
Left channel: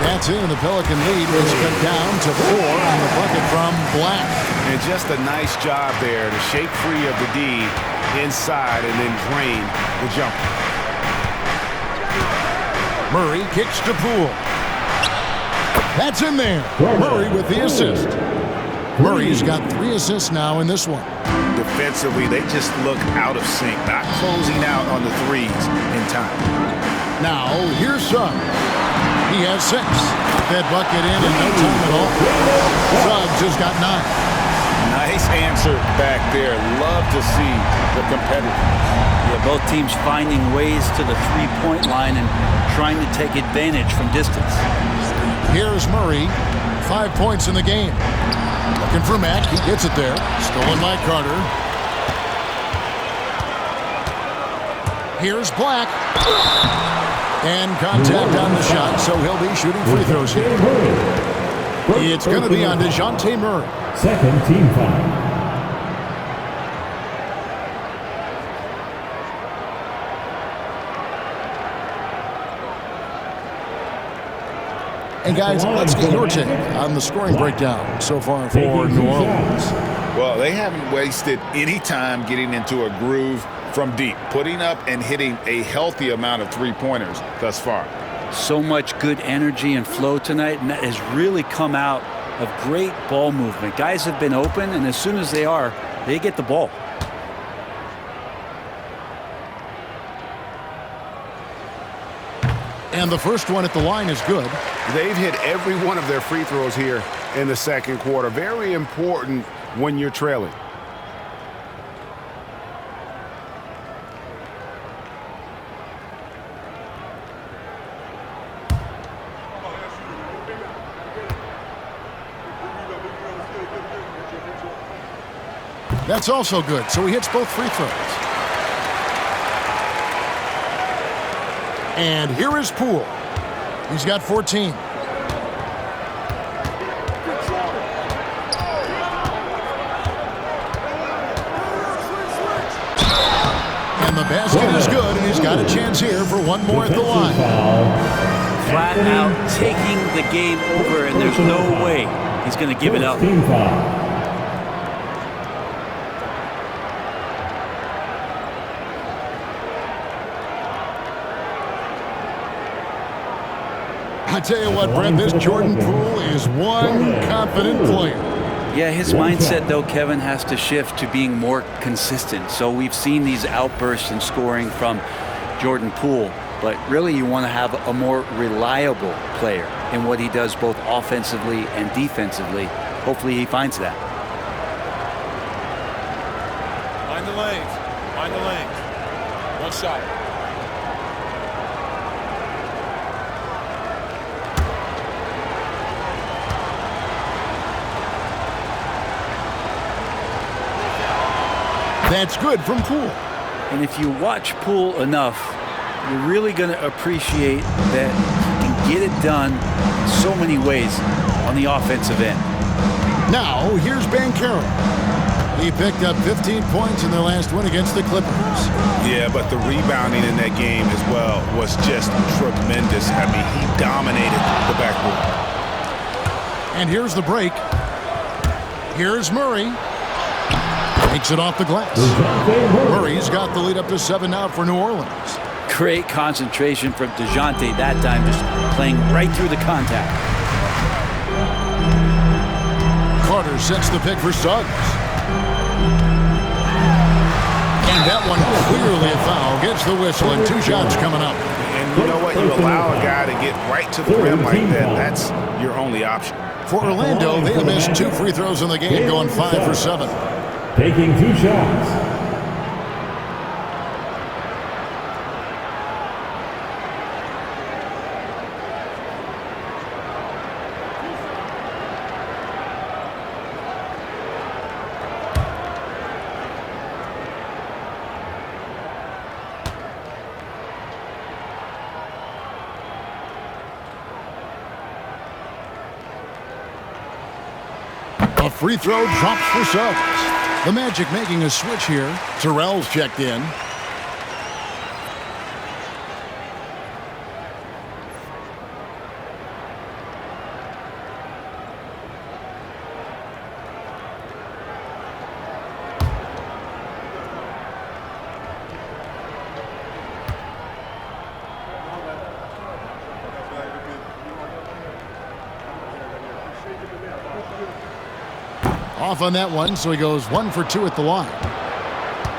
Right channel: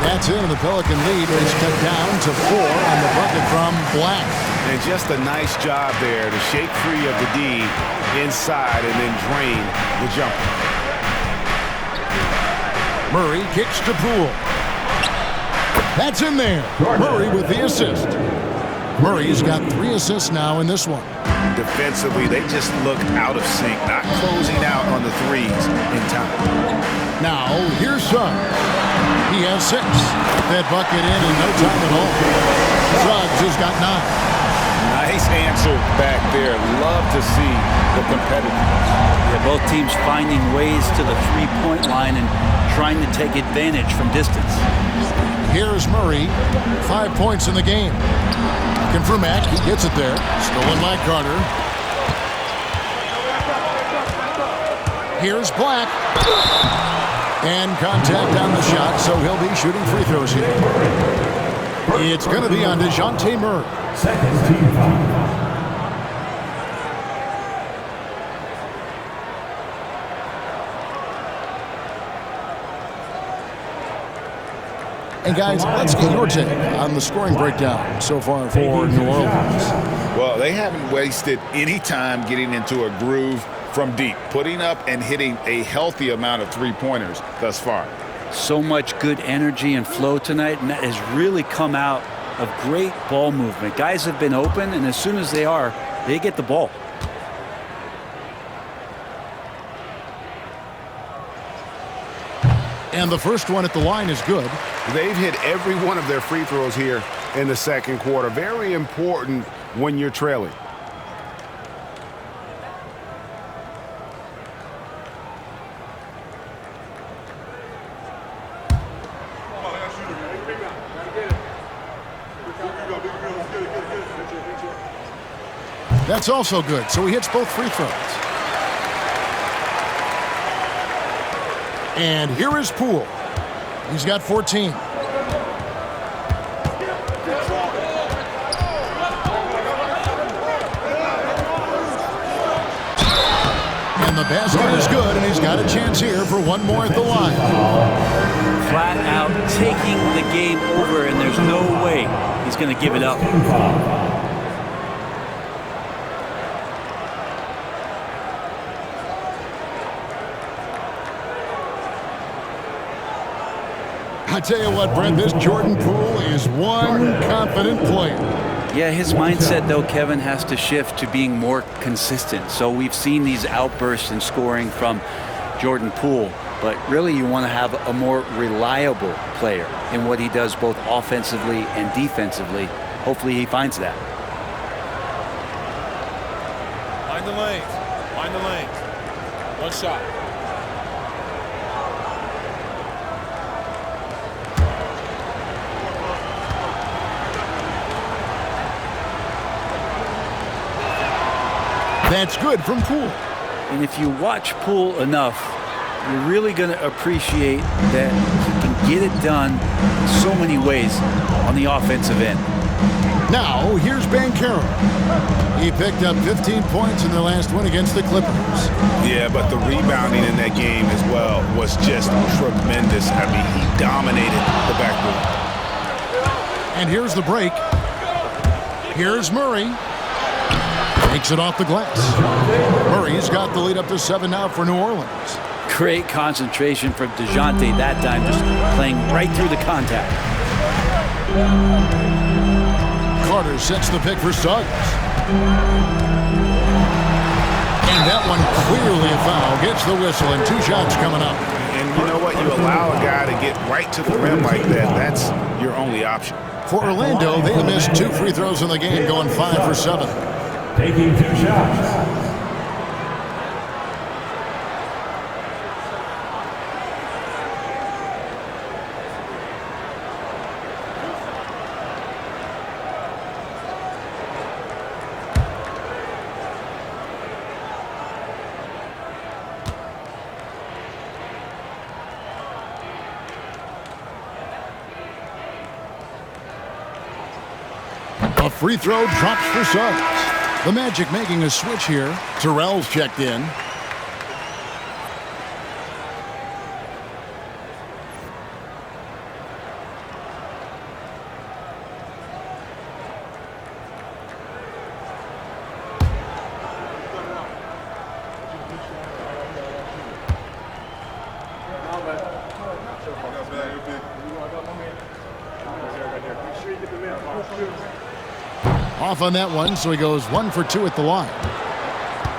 That's in, and the Pelican lead is cut down to 4 on the bucket from Black. And just a nice job there to shake free of the D inside and then drain the jumper. Murray kicks to Poole. That's in there. Murray with the assist. Murray's got 3 assists now in this one. Defensively, they just look out of sync, not closing out on the threes in time. Now, here's Suggs. He has 6. That bucket in no time at all. Suggs has got 9. Nice answer back there. Love to see the competitiveness. Yeah, both teams finding ways to the three-point line and trying to take advantage from distance. Here's Murray. 5 points in the game. Looking for Mack. He gets it there. Stolen by Carter. Here's Black. And contact on the shot, so he'll be shooting free throws here. It's going to be on DeJounte Murray. Second team foul. And guys, let's get your take on the scoring breakdown so far for New Orleans. Well, they haven't wasted any time getting into a groove from deep, putting up and hitting a healthy amount of three-pointers thus far. So much good energy and flow tonight, and that has really come out of great ball movement. Guys have been open, and as soon as they get the ball. And the first one at the line is good. They've hit every one of their free throws here in the second quarter. Very important when you're trailing. That's also good, so he hits both free throws. And here is Poole. He's got 14. And the basket is good, and he's got a chance here for one more at the line. Flat out taking the game over, and there's no way he's going to give it up. Team foul. I tell you what, Brent, this Jordan Poole is one confident player. Yeah, his mindset, though, Kevin, has to shift to being more consistent. So we've seen these outbursts in scoring from Jordan Poole, but really you want to have a more reliable player in what he does both offensively and defensively. Hopefully he finds that. Mind the lanes. Mind the lanes. One shot. That's good from Poole. And if you watch Poole enough, you're really going to appreciate that he can get it done in so many ways on the offensive end. Now, here's Banchero. He picked up 15 points in their last win against the Clippers. Yeah, but the rebounding in that game as well was just tremendous. I mean, he dominated the backboard. And here's the break. Here's Murray. Takes it off the glass. Murray's got the lead up to 7 now for New Orleans. Great concentration from DeJounte that time, just playing right through the contact. Carter sets the pick for Suggs. And that one clearly a foul. Gets the whistle, and 2 shots coming up. And you know what? You allow a guy to get right to the rim like that. That's your only option. For Orlando, they missed 2 free throws in the game, going 5 for 7. Taking 2 shots. A free throw drops for Suggs. The Magic making a switch here. Terrell's checked in. Off on that one, so he goes 1 for 2 at the line.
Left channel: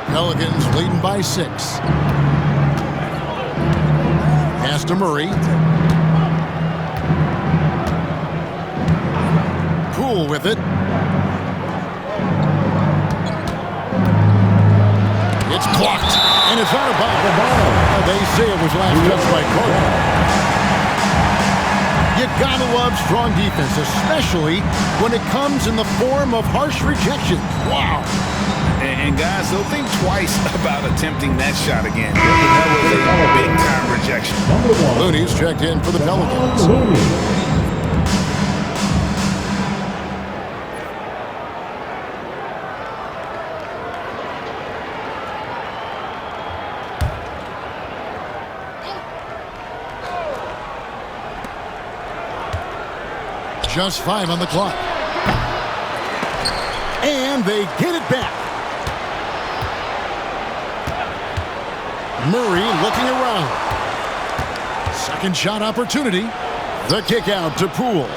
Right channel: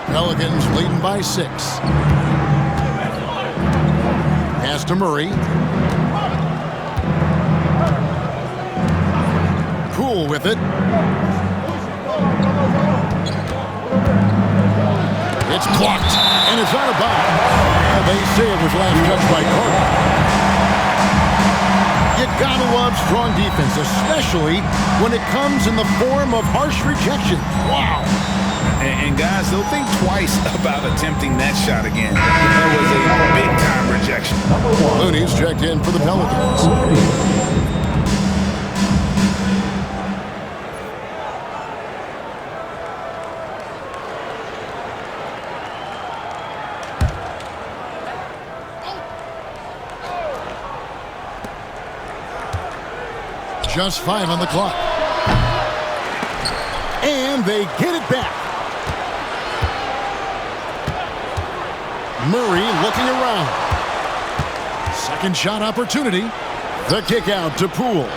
Pelicans leading by 6. Pass to Murray. Poole with it. It's blocked, and it's out of bounds. They say it was last touched by Carter. You gotta love strong defense, especially when it comes in the form of harsh rejections. Wow. And guys, they'll think twice about attempting that shot again. That was a big-time rejection. Looney's checked in for the Pelicans. Just 5 on the clock. And they get it back. Murray looking around. Second shot opportunity. The kick out to Poole.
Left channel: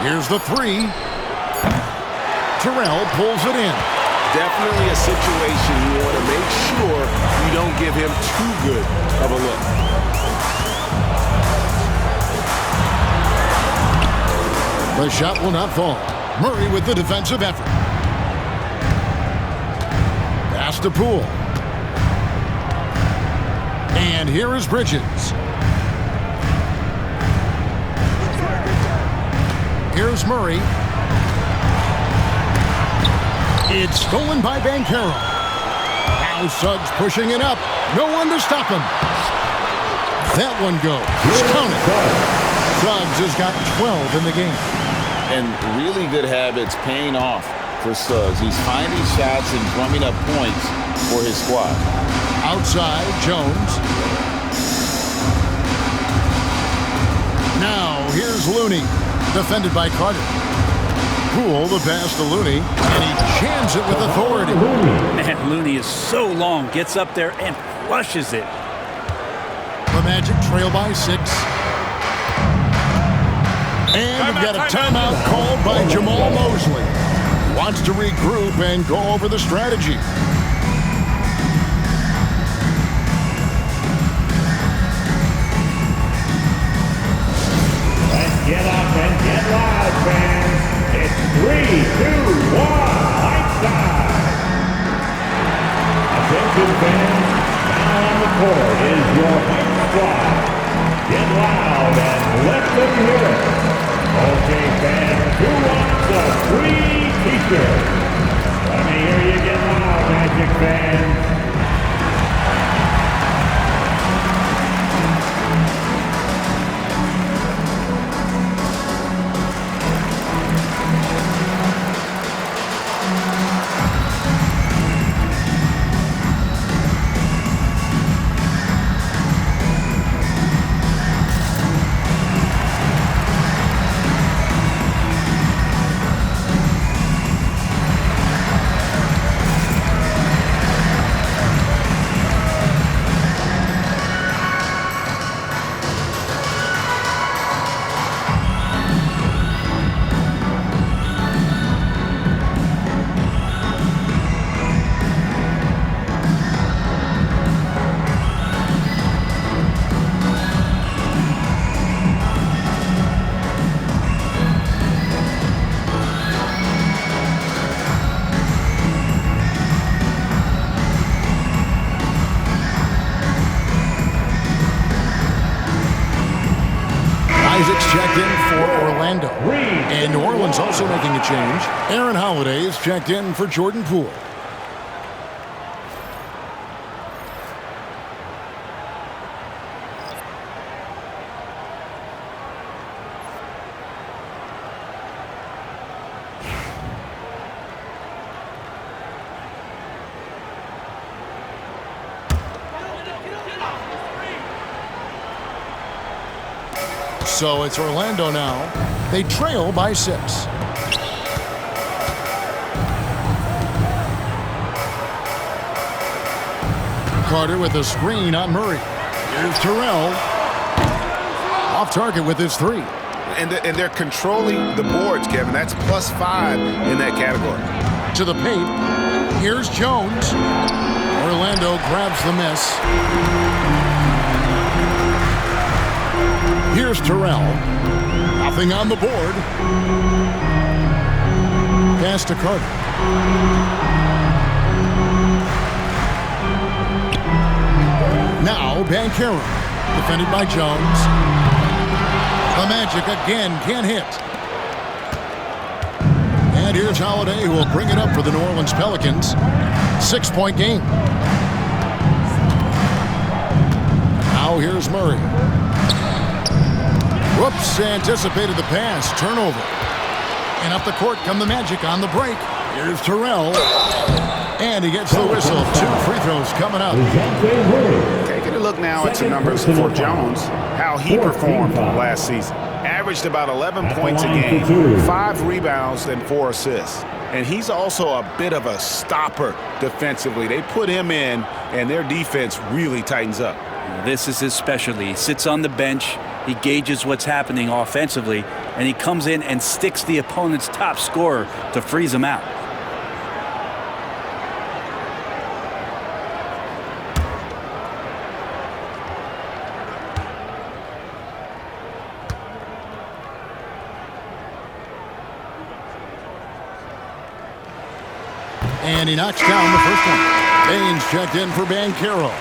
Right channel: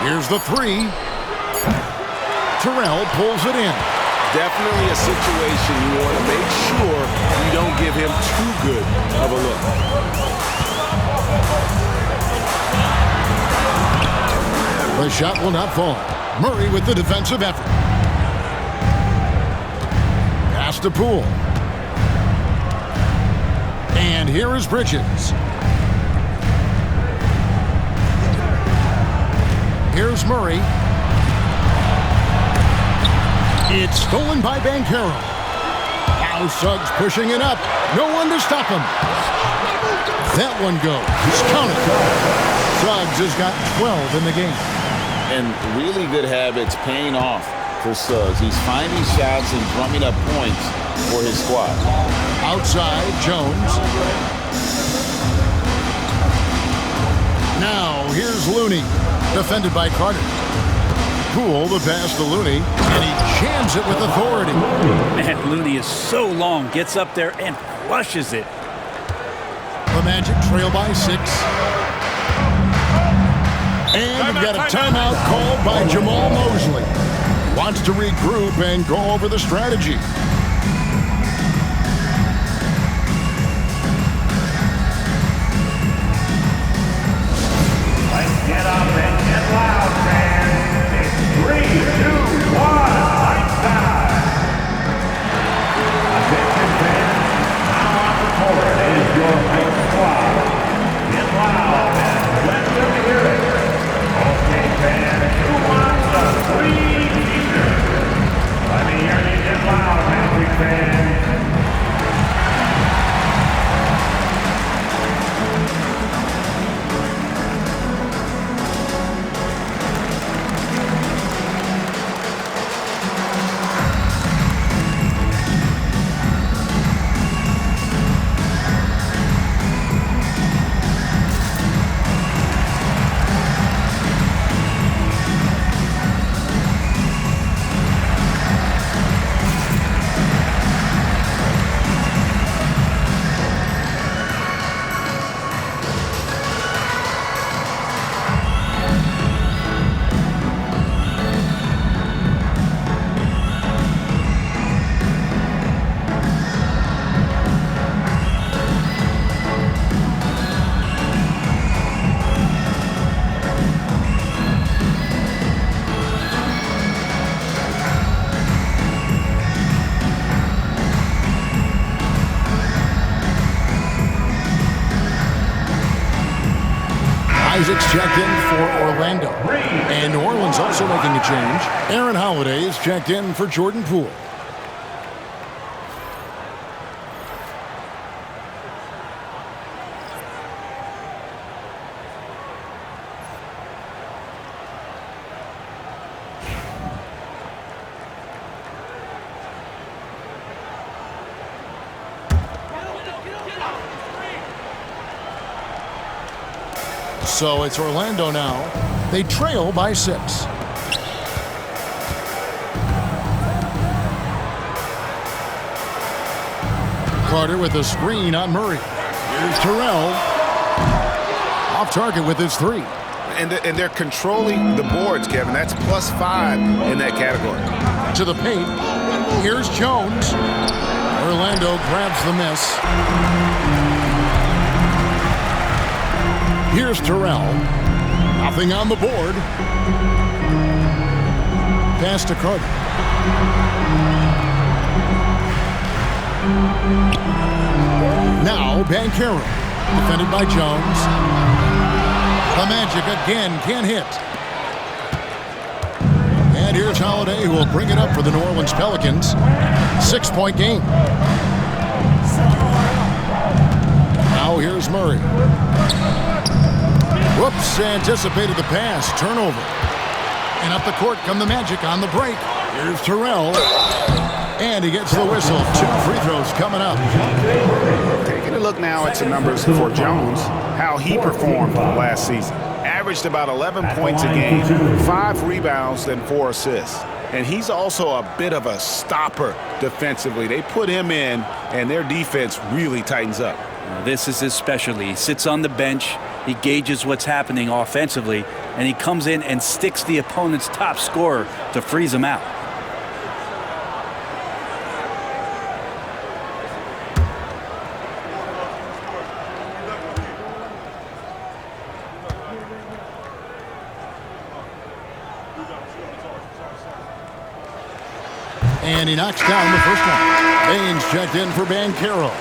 Here's the 3. Terrell pulls it in. Definitely a situation you want to make sure you don't give him too good of a look. The shot will not fall. Murray with the defensive effort. Pass to Poole. And here is Bridges. Here's Murray. It's stolen by Banchero. Now Suggs pushing it up. No one to stop him. That one goes. Count it. Suggs has got 12 in the game. And really good habits paying off for Suggs. He's finding shots and drumming up points for his squad. Outside, Jones. Now, here's Looney, defended by Carter. Poole the pass to Looney, and he jams it with authority. Man, Looney is so long, gets up there and flushes it. The Magic trail by 6. And we've got a timeout called by Jamal Mosley. Wants to regroup and go over the strategy. Let's get up and get loud, fans. It's 3, 2, 1, lights out. Attention, fans. Now on the court is your Heights squad. Get loud and let them hear it. Okay, fans, who wants a free t-shirt? Let me hear you get loud, Magic fans. Isaac's checked in for Orlando. And New Orleans also making a change. Aaron Holiday is checked in for Jordan Poole. So it's Orlando now. They trail by 6. Carter with a screen on Murray. Here's Terrell. Off target with his 3. And they're controlling the boards, Kevin. That's +5 in that category. To the paint. Here's Jones. Orlando grabs the miss. Here's Terrell. Nothing on the board. Pass to Carter. Now Banchero. Defended by Jones. The Magic again can't hit. And here's Holiday, who will bring it up for the New Orleans Pelicans. 6-point game. Now here's Murray. Whoops, anticipated the pass. Turnover. And up the court come the Magic on the break. Here's Terrell. And he gets the whistle. 2 free throws coming up. Taking a look now at some numbers for Jones, how he performed last season. Averaged about 11 points a game, 5 rebounds, and 4 assists. And he's also a bit of a stopper defensively. They put him in, and their defense really tightens up. This is his specialty. He sits on the bench, he gauges what's happening offensively, and he comes in and sticks the opponent's top scorer to freeze him out. And he knocks down the first one. Baines checked in for Banchero.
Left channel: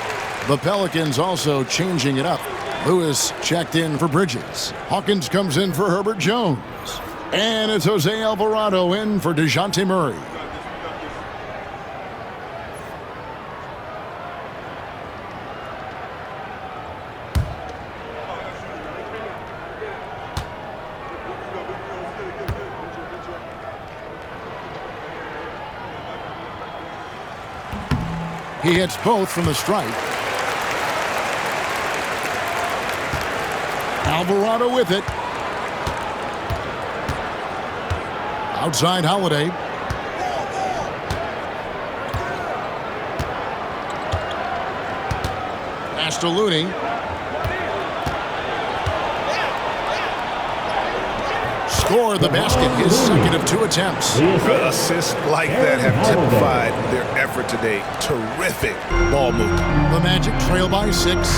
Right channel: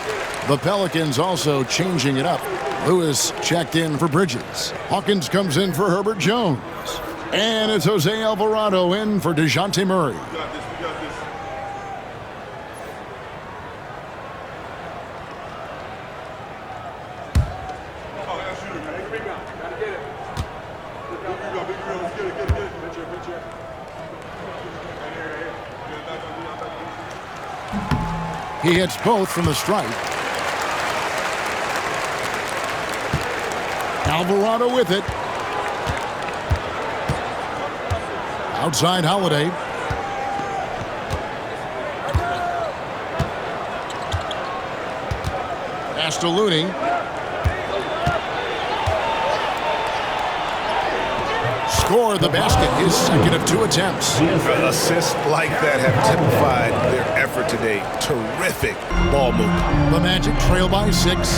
The Pelicans also changing it up. Lewis checked in for Bridges. Hawkins comes in for Herbert Jones. And it's Jose Alvarado in for DeJounte Murray. He hits both from the stripe. Alvarado with it. Outside Holiday. Pass to Looney. Score the basket, his second of 2 attempts. Assists like that have typified their effort today. Terrific ball movement. The Magic trail by 6.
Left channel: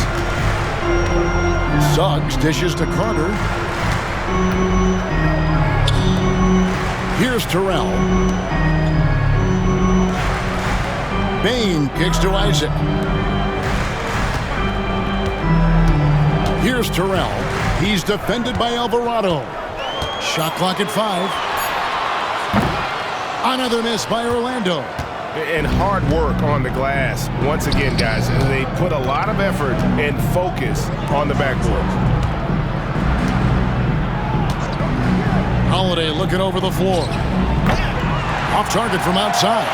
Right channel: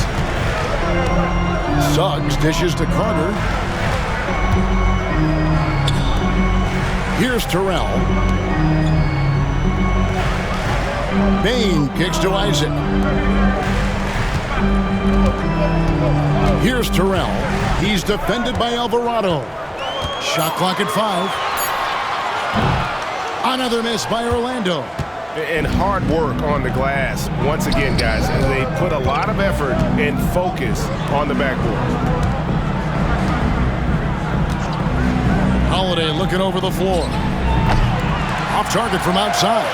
Suggs dishes to Carter. Here's Terrell. Bain kicks to Isaac. Here's Terrell. He's defended by Alvarado. Shot clock at 5. Another miss by Orlando. And hard work on the glass. Once again, guys, they put a lot of effort and focus on the backboard. Holiday looking over the floor. Off target from outside.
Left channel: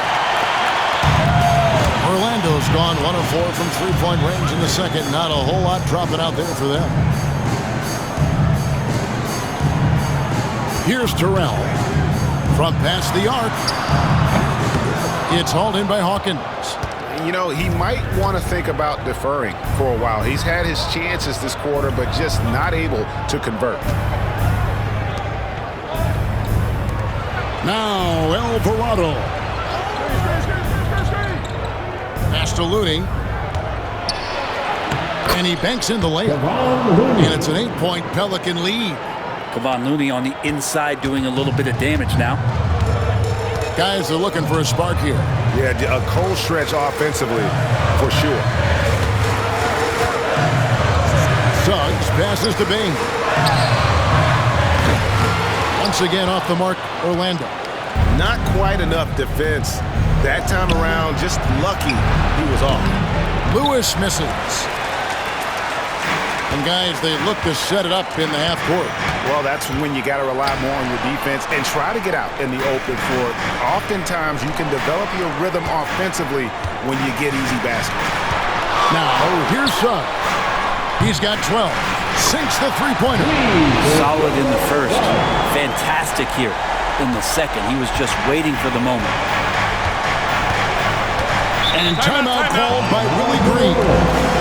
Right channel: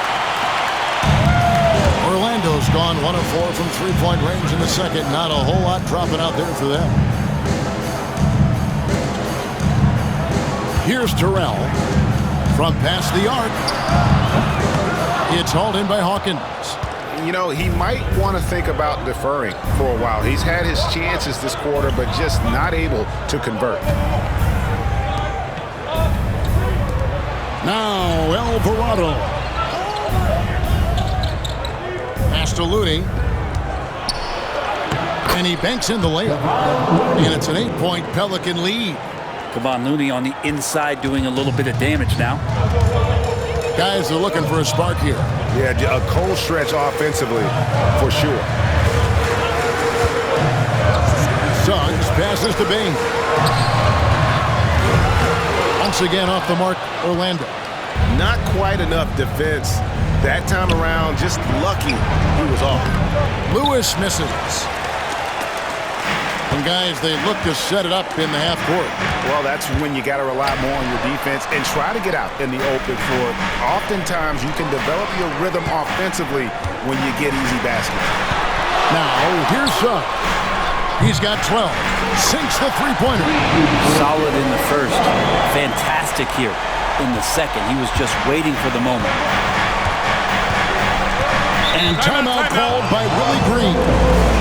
Orlando's gone 1 of 4 from 3-point range in the second. Not a whole lot dropping out there for them. Here's Terrell. From past the arc. It's hauled in by Hawkins. You know, he might want to think about deferring for a while. He's had his chances this quarter, but just not able to convert. Now Alvarado. Pass to Looney. And he banks in the layup. And it's an 8-point Pelican lead. Kevon Looney on the inside doing a little bit of damage now. Guys are looking for a spark here. Yeah, a cold stretch offensively for sure. Suggs passes to Bain. Once again off the mark, Orlando. Not quite enough defense that time around. Just lucky he was off. Lewis misses. And guys, they look to set it up in the half court. Well, that's when you got to rely more on your defense and try to get out in the open floor. Oftentimes, you can develop your rhythm offensively when you get easy baskets. Now, here's Suggs. He's got 12. Sinks the three-pointer. Solid in the first. Fantastic here in the second. He was just waiting for the moment. And timeout called by Willie Green.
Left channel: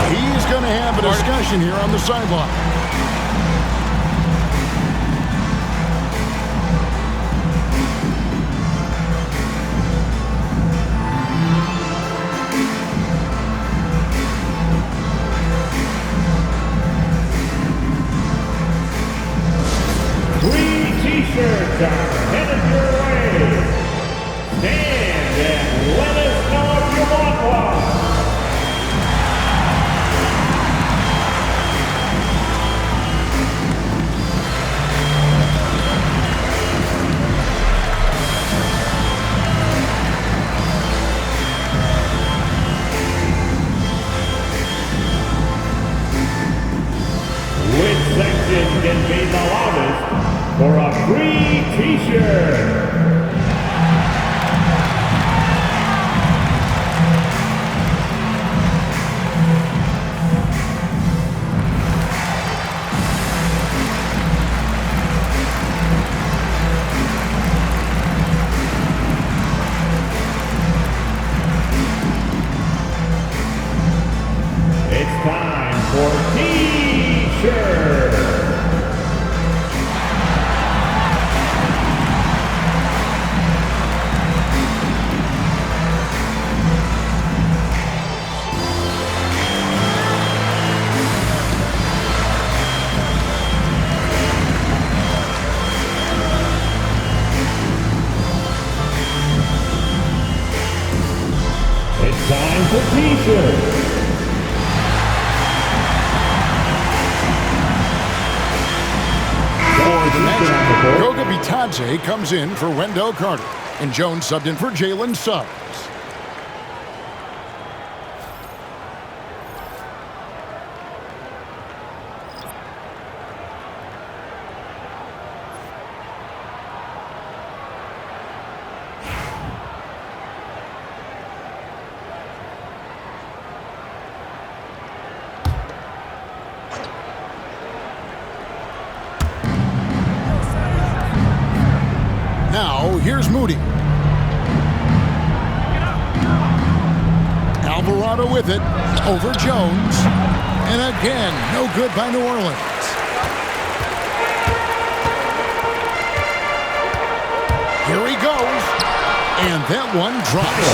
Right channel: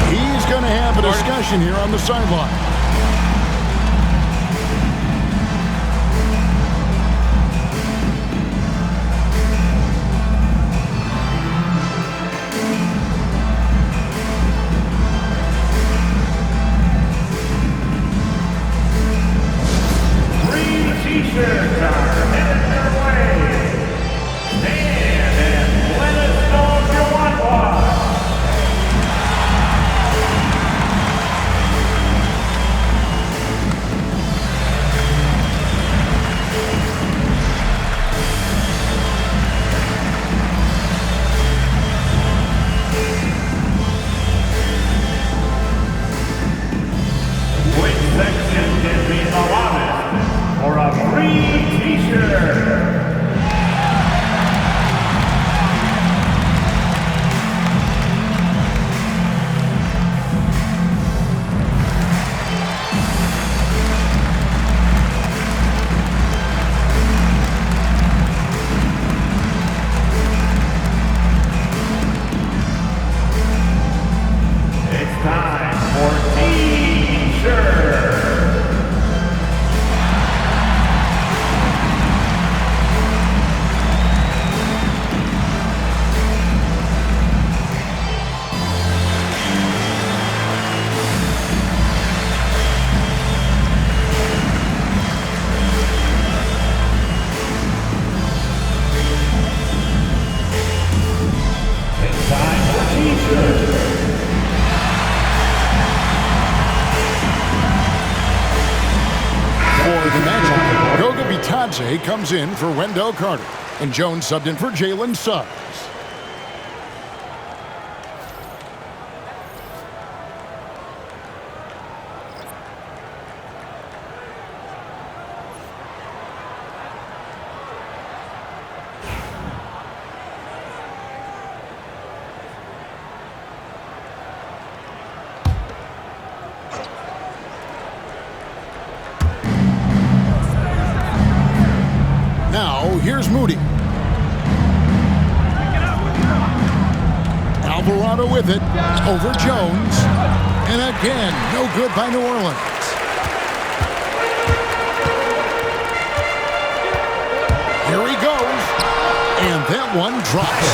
He's going to have a discussion here on the sideline. are headed your way. Stand and let us know if you want one. Which section can be the loudest for a free t-shirt? It's time for t-shirt. It's time for t-shirt. For the Magic, Goga Bitadze comes in for Wendell Carter, and Jones subbed in for Jalen Suggs. Now, here's Moody. Alvarado with it, over Jones. And again, no good by New Orleans. Here he goes. And that one drops.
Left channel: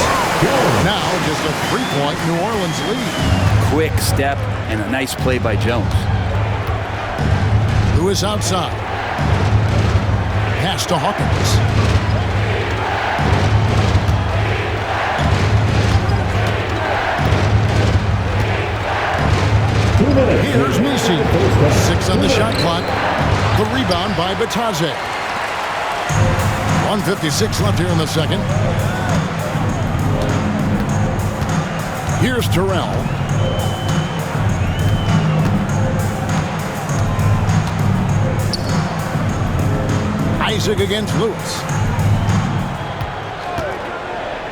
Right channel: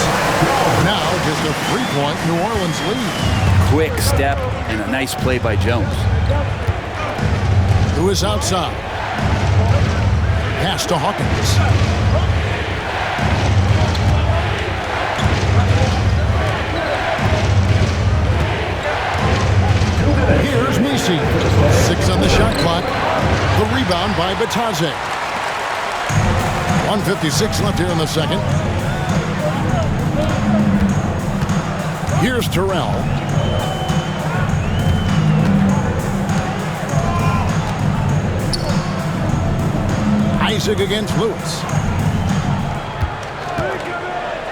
Now just a 3-point New Orleans lead. Quick step and a nice play by Jones. Lewis outside. Pass to Hawkins. Here's Misi. 6 on the shot clock. The rebound by Bitadze. 1:56 left here in the second. Here's Terrell. Isaac against Lewis.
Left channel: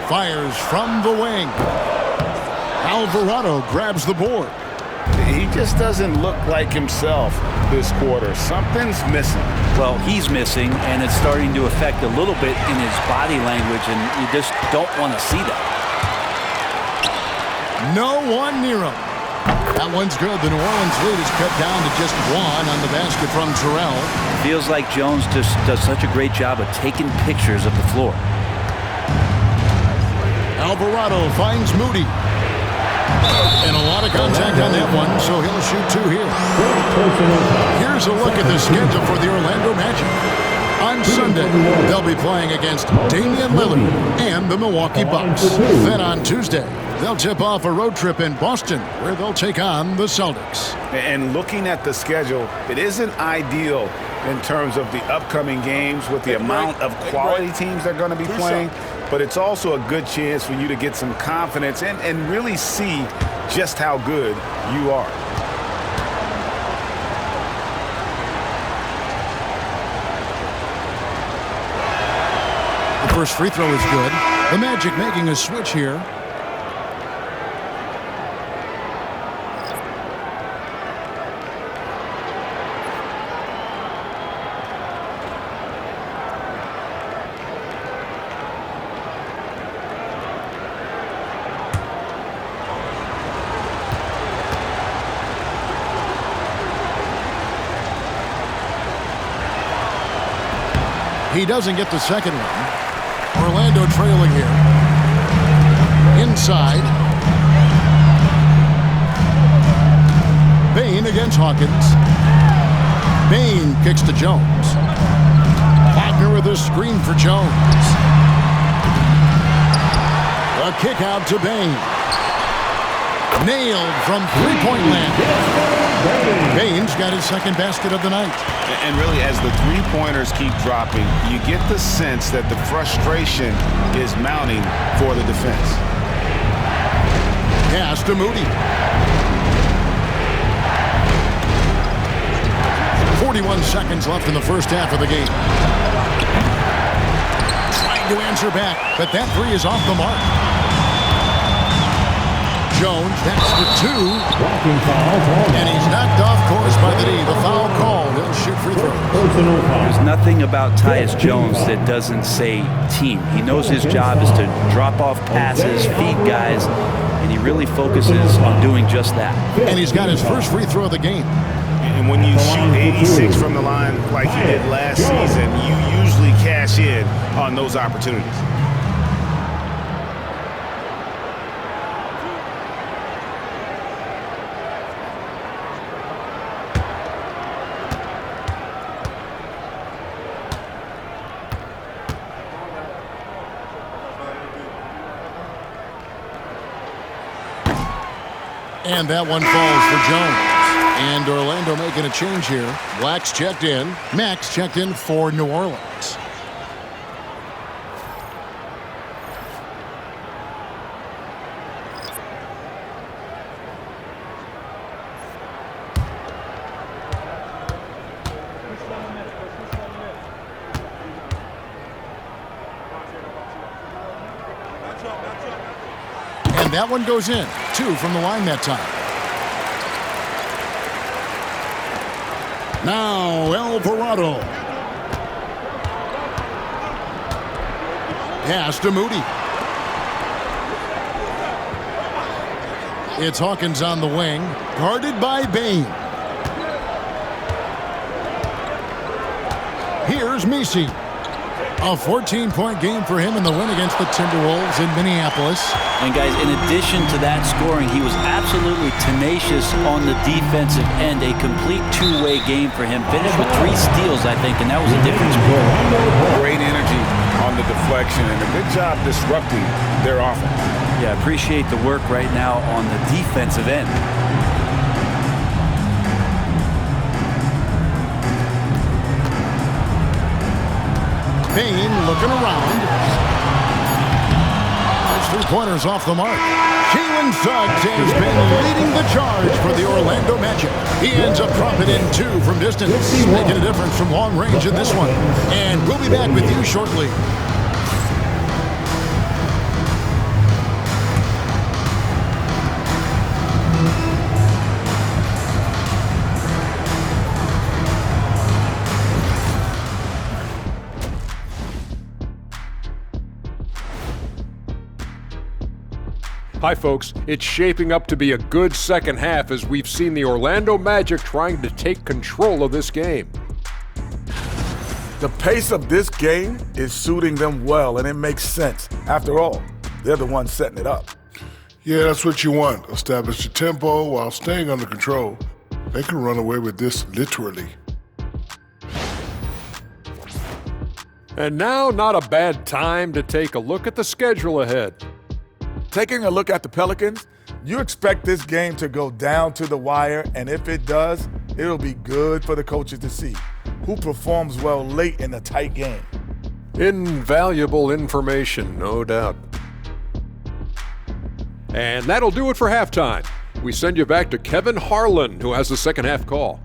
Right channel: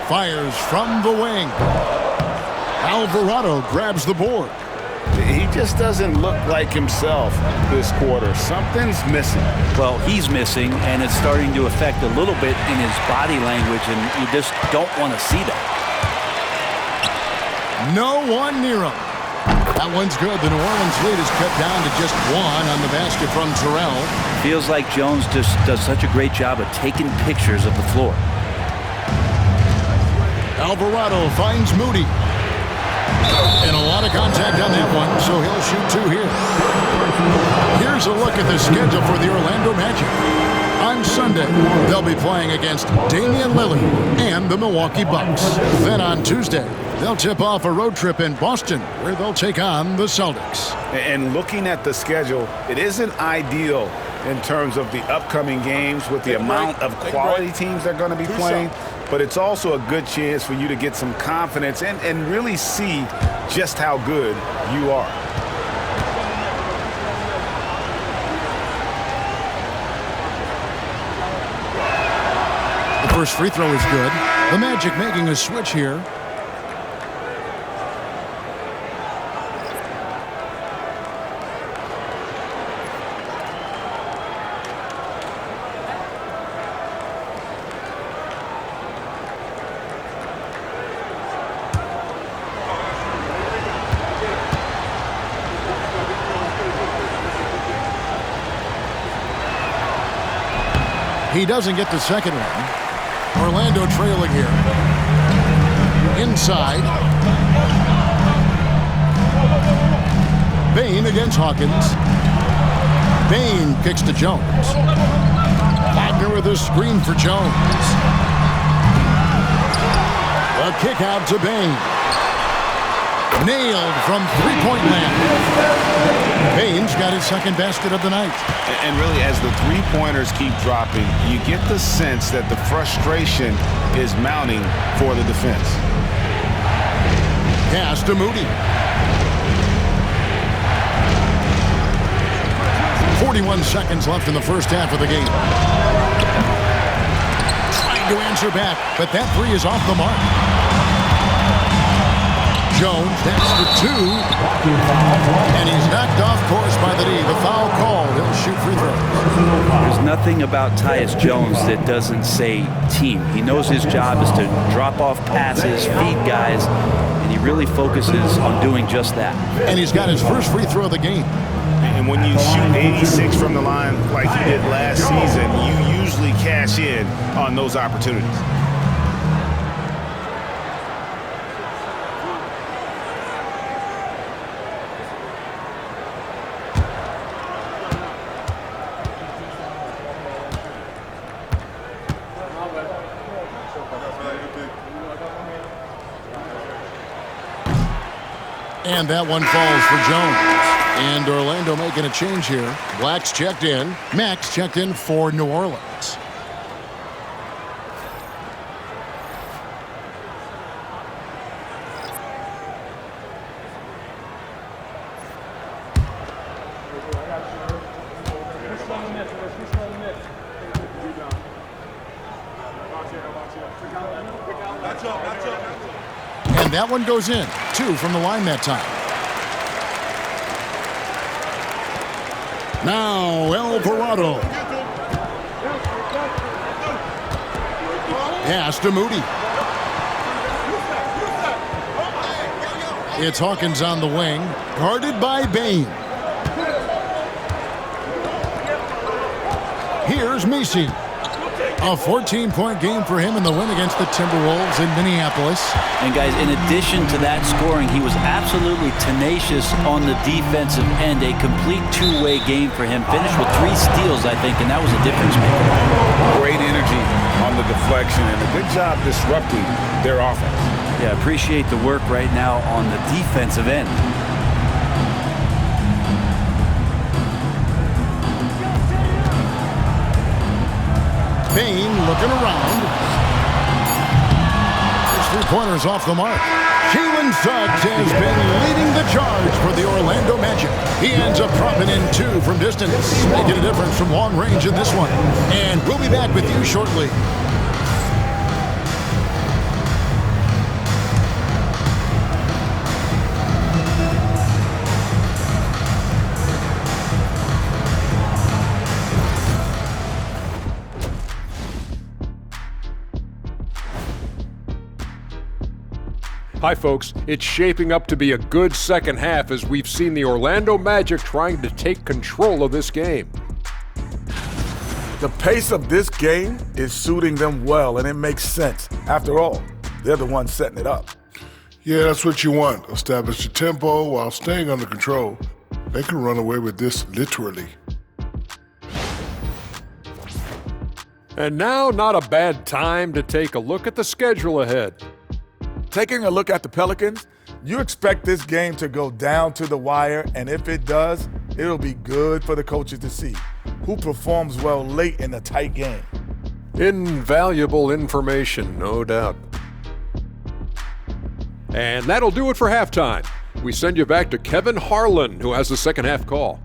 Fires from the wing. Alvarado grabs the board. He just doesn't look like himself this quarter. Something's missing. Well, he's missing, and it's starting to affect a little bit in his body language, and you just don't want to see that. No one near him. That one's good. The New Orleans lead is cut down to just 1 on the basket from Terrell. Feels like Jones just does such a great job of taking pictures of the floor. Alvarado finds Moody. And a lot of contact on that one, so he'll shoot 2 here. Here's a look at the schedule for the Orlando Magic. On Sunday, they'll be playing against Damian Lillard and the Milwaukee Bucks. Then on Tuesday, they'll tip off a road trip in Boston, where they'll take on the Celtics. And looking at the schedule, it isn't ideal in terms of the upcoming games with the amount of quality teams they're going to be playing, but it's also a good chance for you to get some confidence and really see just how good you are. The first free throw is good. The Magic making a switch here. He doesn't get the second one. Orlando trailing here. Inside. Bain against Hawkins. Bain kicks to Jones. Wagner with a screen for Jones. A kick out to Bain. Nailed from three-point land. Bain's got his second basket of the night. And really, as the three-pointers keep dropping, you get the sense that the frustration is mounting for the defense. Pass to Moody. 41 seconds left in the first half of the game. Trying to answer back, but that three is off the mark. Jones, that's for two. And he's knocked off course by the D. The foul called. He'll shoot free throws. There's nothing about Tyus Jones that doesn't say team. He knows his job is to drop off passes, feed guys, and he really focuses on doing just that. And he's got his first free throw of the game. And when you shoot 86 from the line like he did last season, you usually cash in on those opportunities. And that one falls for Jones. And Orlando making a change here. Black's checked in. Max checked in for New Orleans. And that one goes in. 2 from the line that time. Now Alvarado. Pass to Moody. It's Hawkins on the wing, guarded by Bain. Here's Messi. A 14-point game for him in the win against the Timberwolves in Minneapolis. And guys, in addition to that scoring, he was absolutely tenacious on the defensive end. A complete two-way game for him. Finished with 3 steals, I think, and that was a difference maker. Great energy on the deflection and a good job disrupting their offense. Yeah, appreciate the work right now on the defensive end. Bain looking around. First three-pointers off the mark. Jalen Suggs has been leading the charge for the Orlando Magic. He ends up dropping in 2 from distance, making a difference from long range in this one. And we'll be back with you shortly. Hi folks, it's shaping up to be a good second half as we've seen the Orlando Magic trying to take control of this game. The pace of this game is suiting them well, and it makes sense. After all, they're the ones setting it up. Yeah, that's what you want. Establish the tempo while staying under control. They can run away with this literally. And now, not a bad time to take a look at the schedule ahead. Taking a look at the Pelicans, you expect this game to go down to the wire, and if it does, it'll be good for the coaches to see who performs well late in a tight game. Invaluable information, no doubt. And that'll do it for halftime. We send you back to Kevin Harlan, who has the second half call.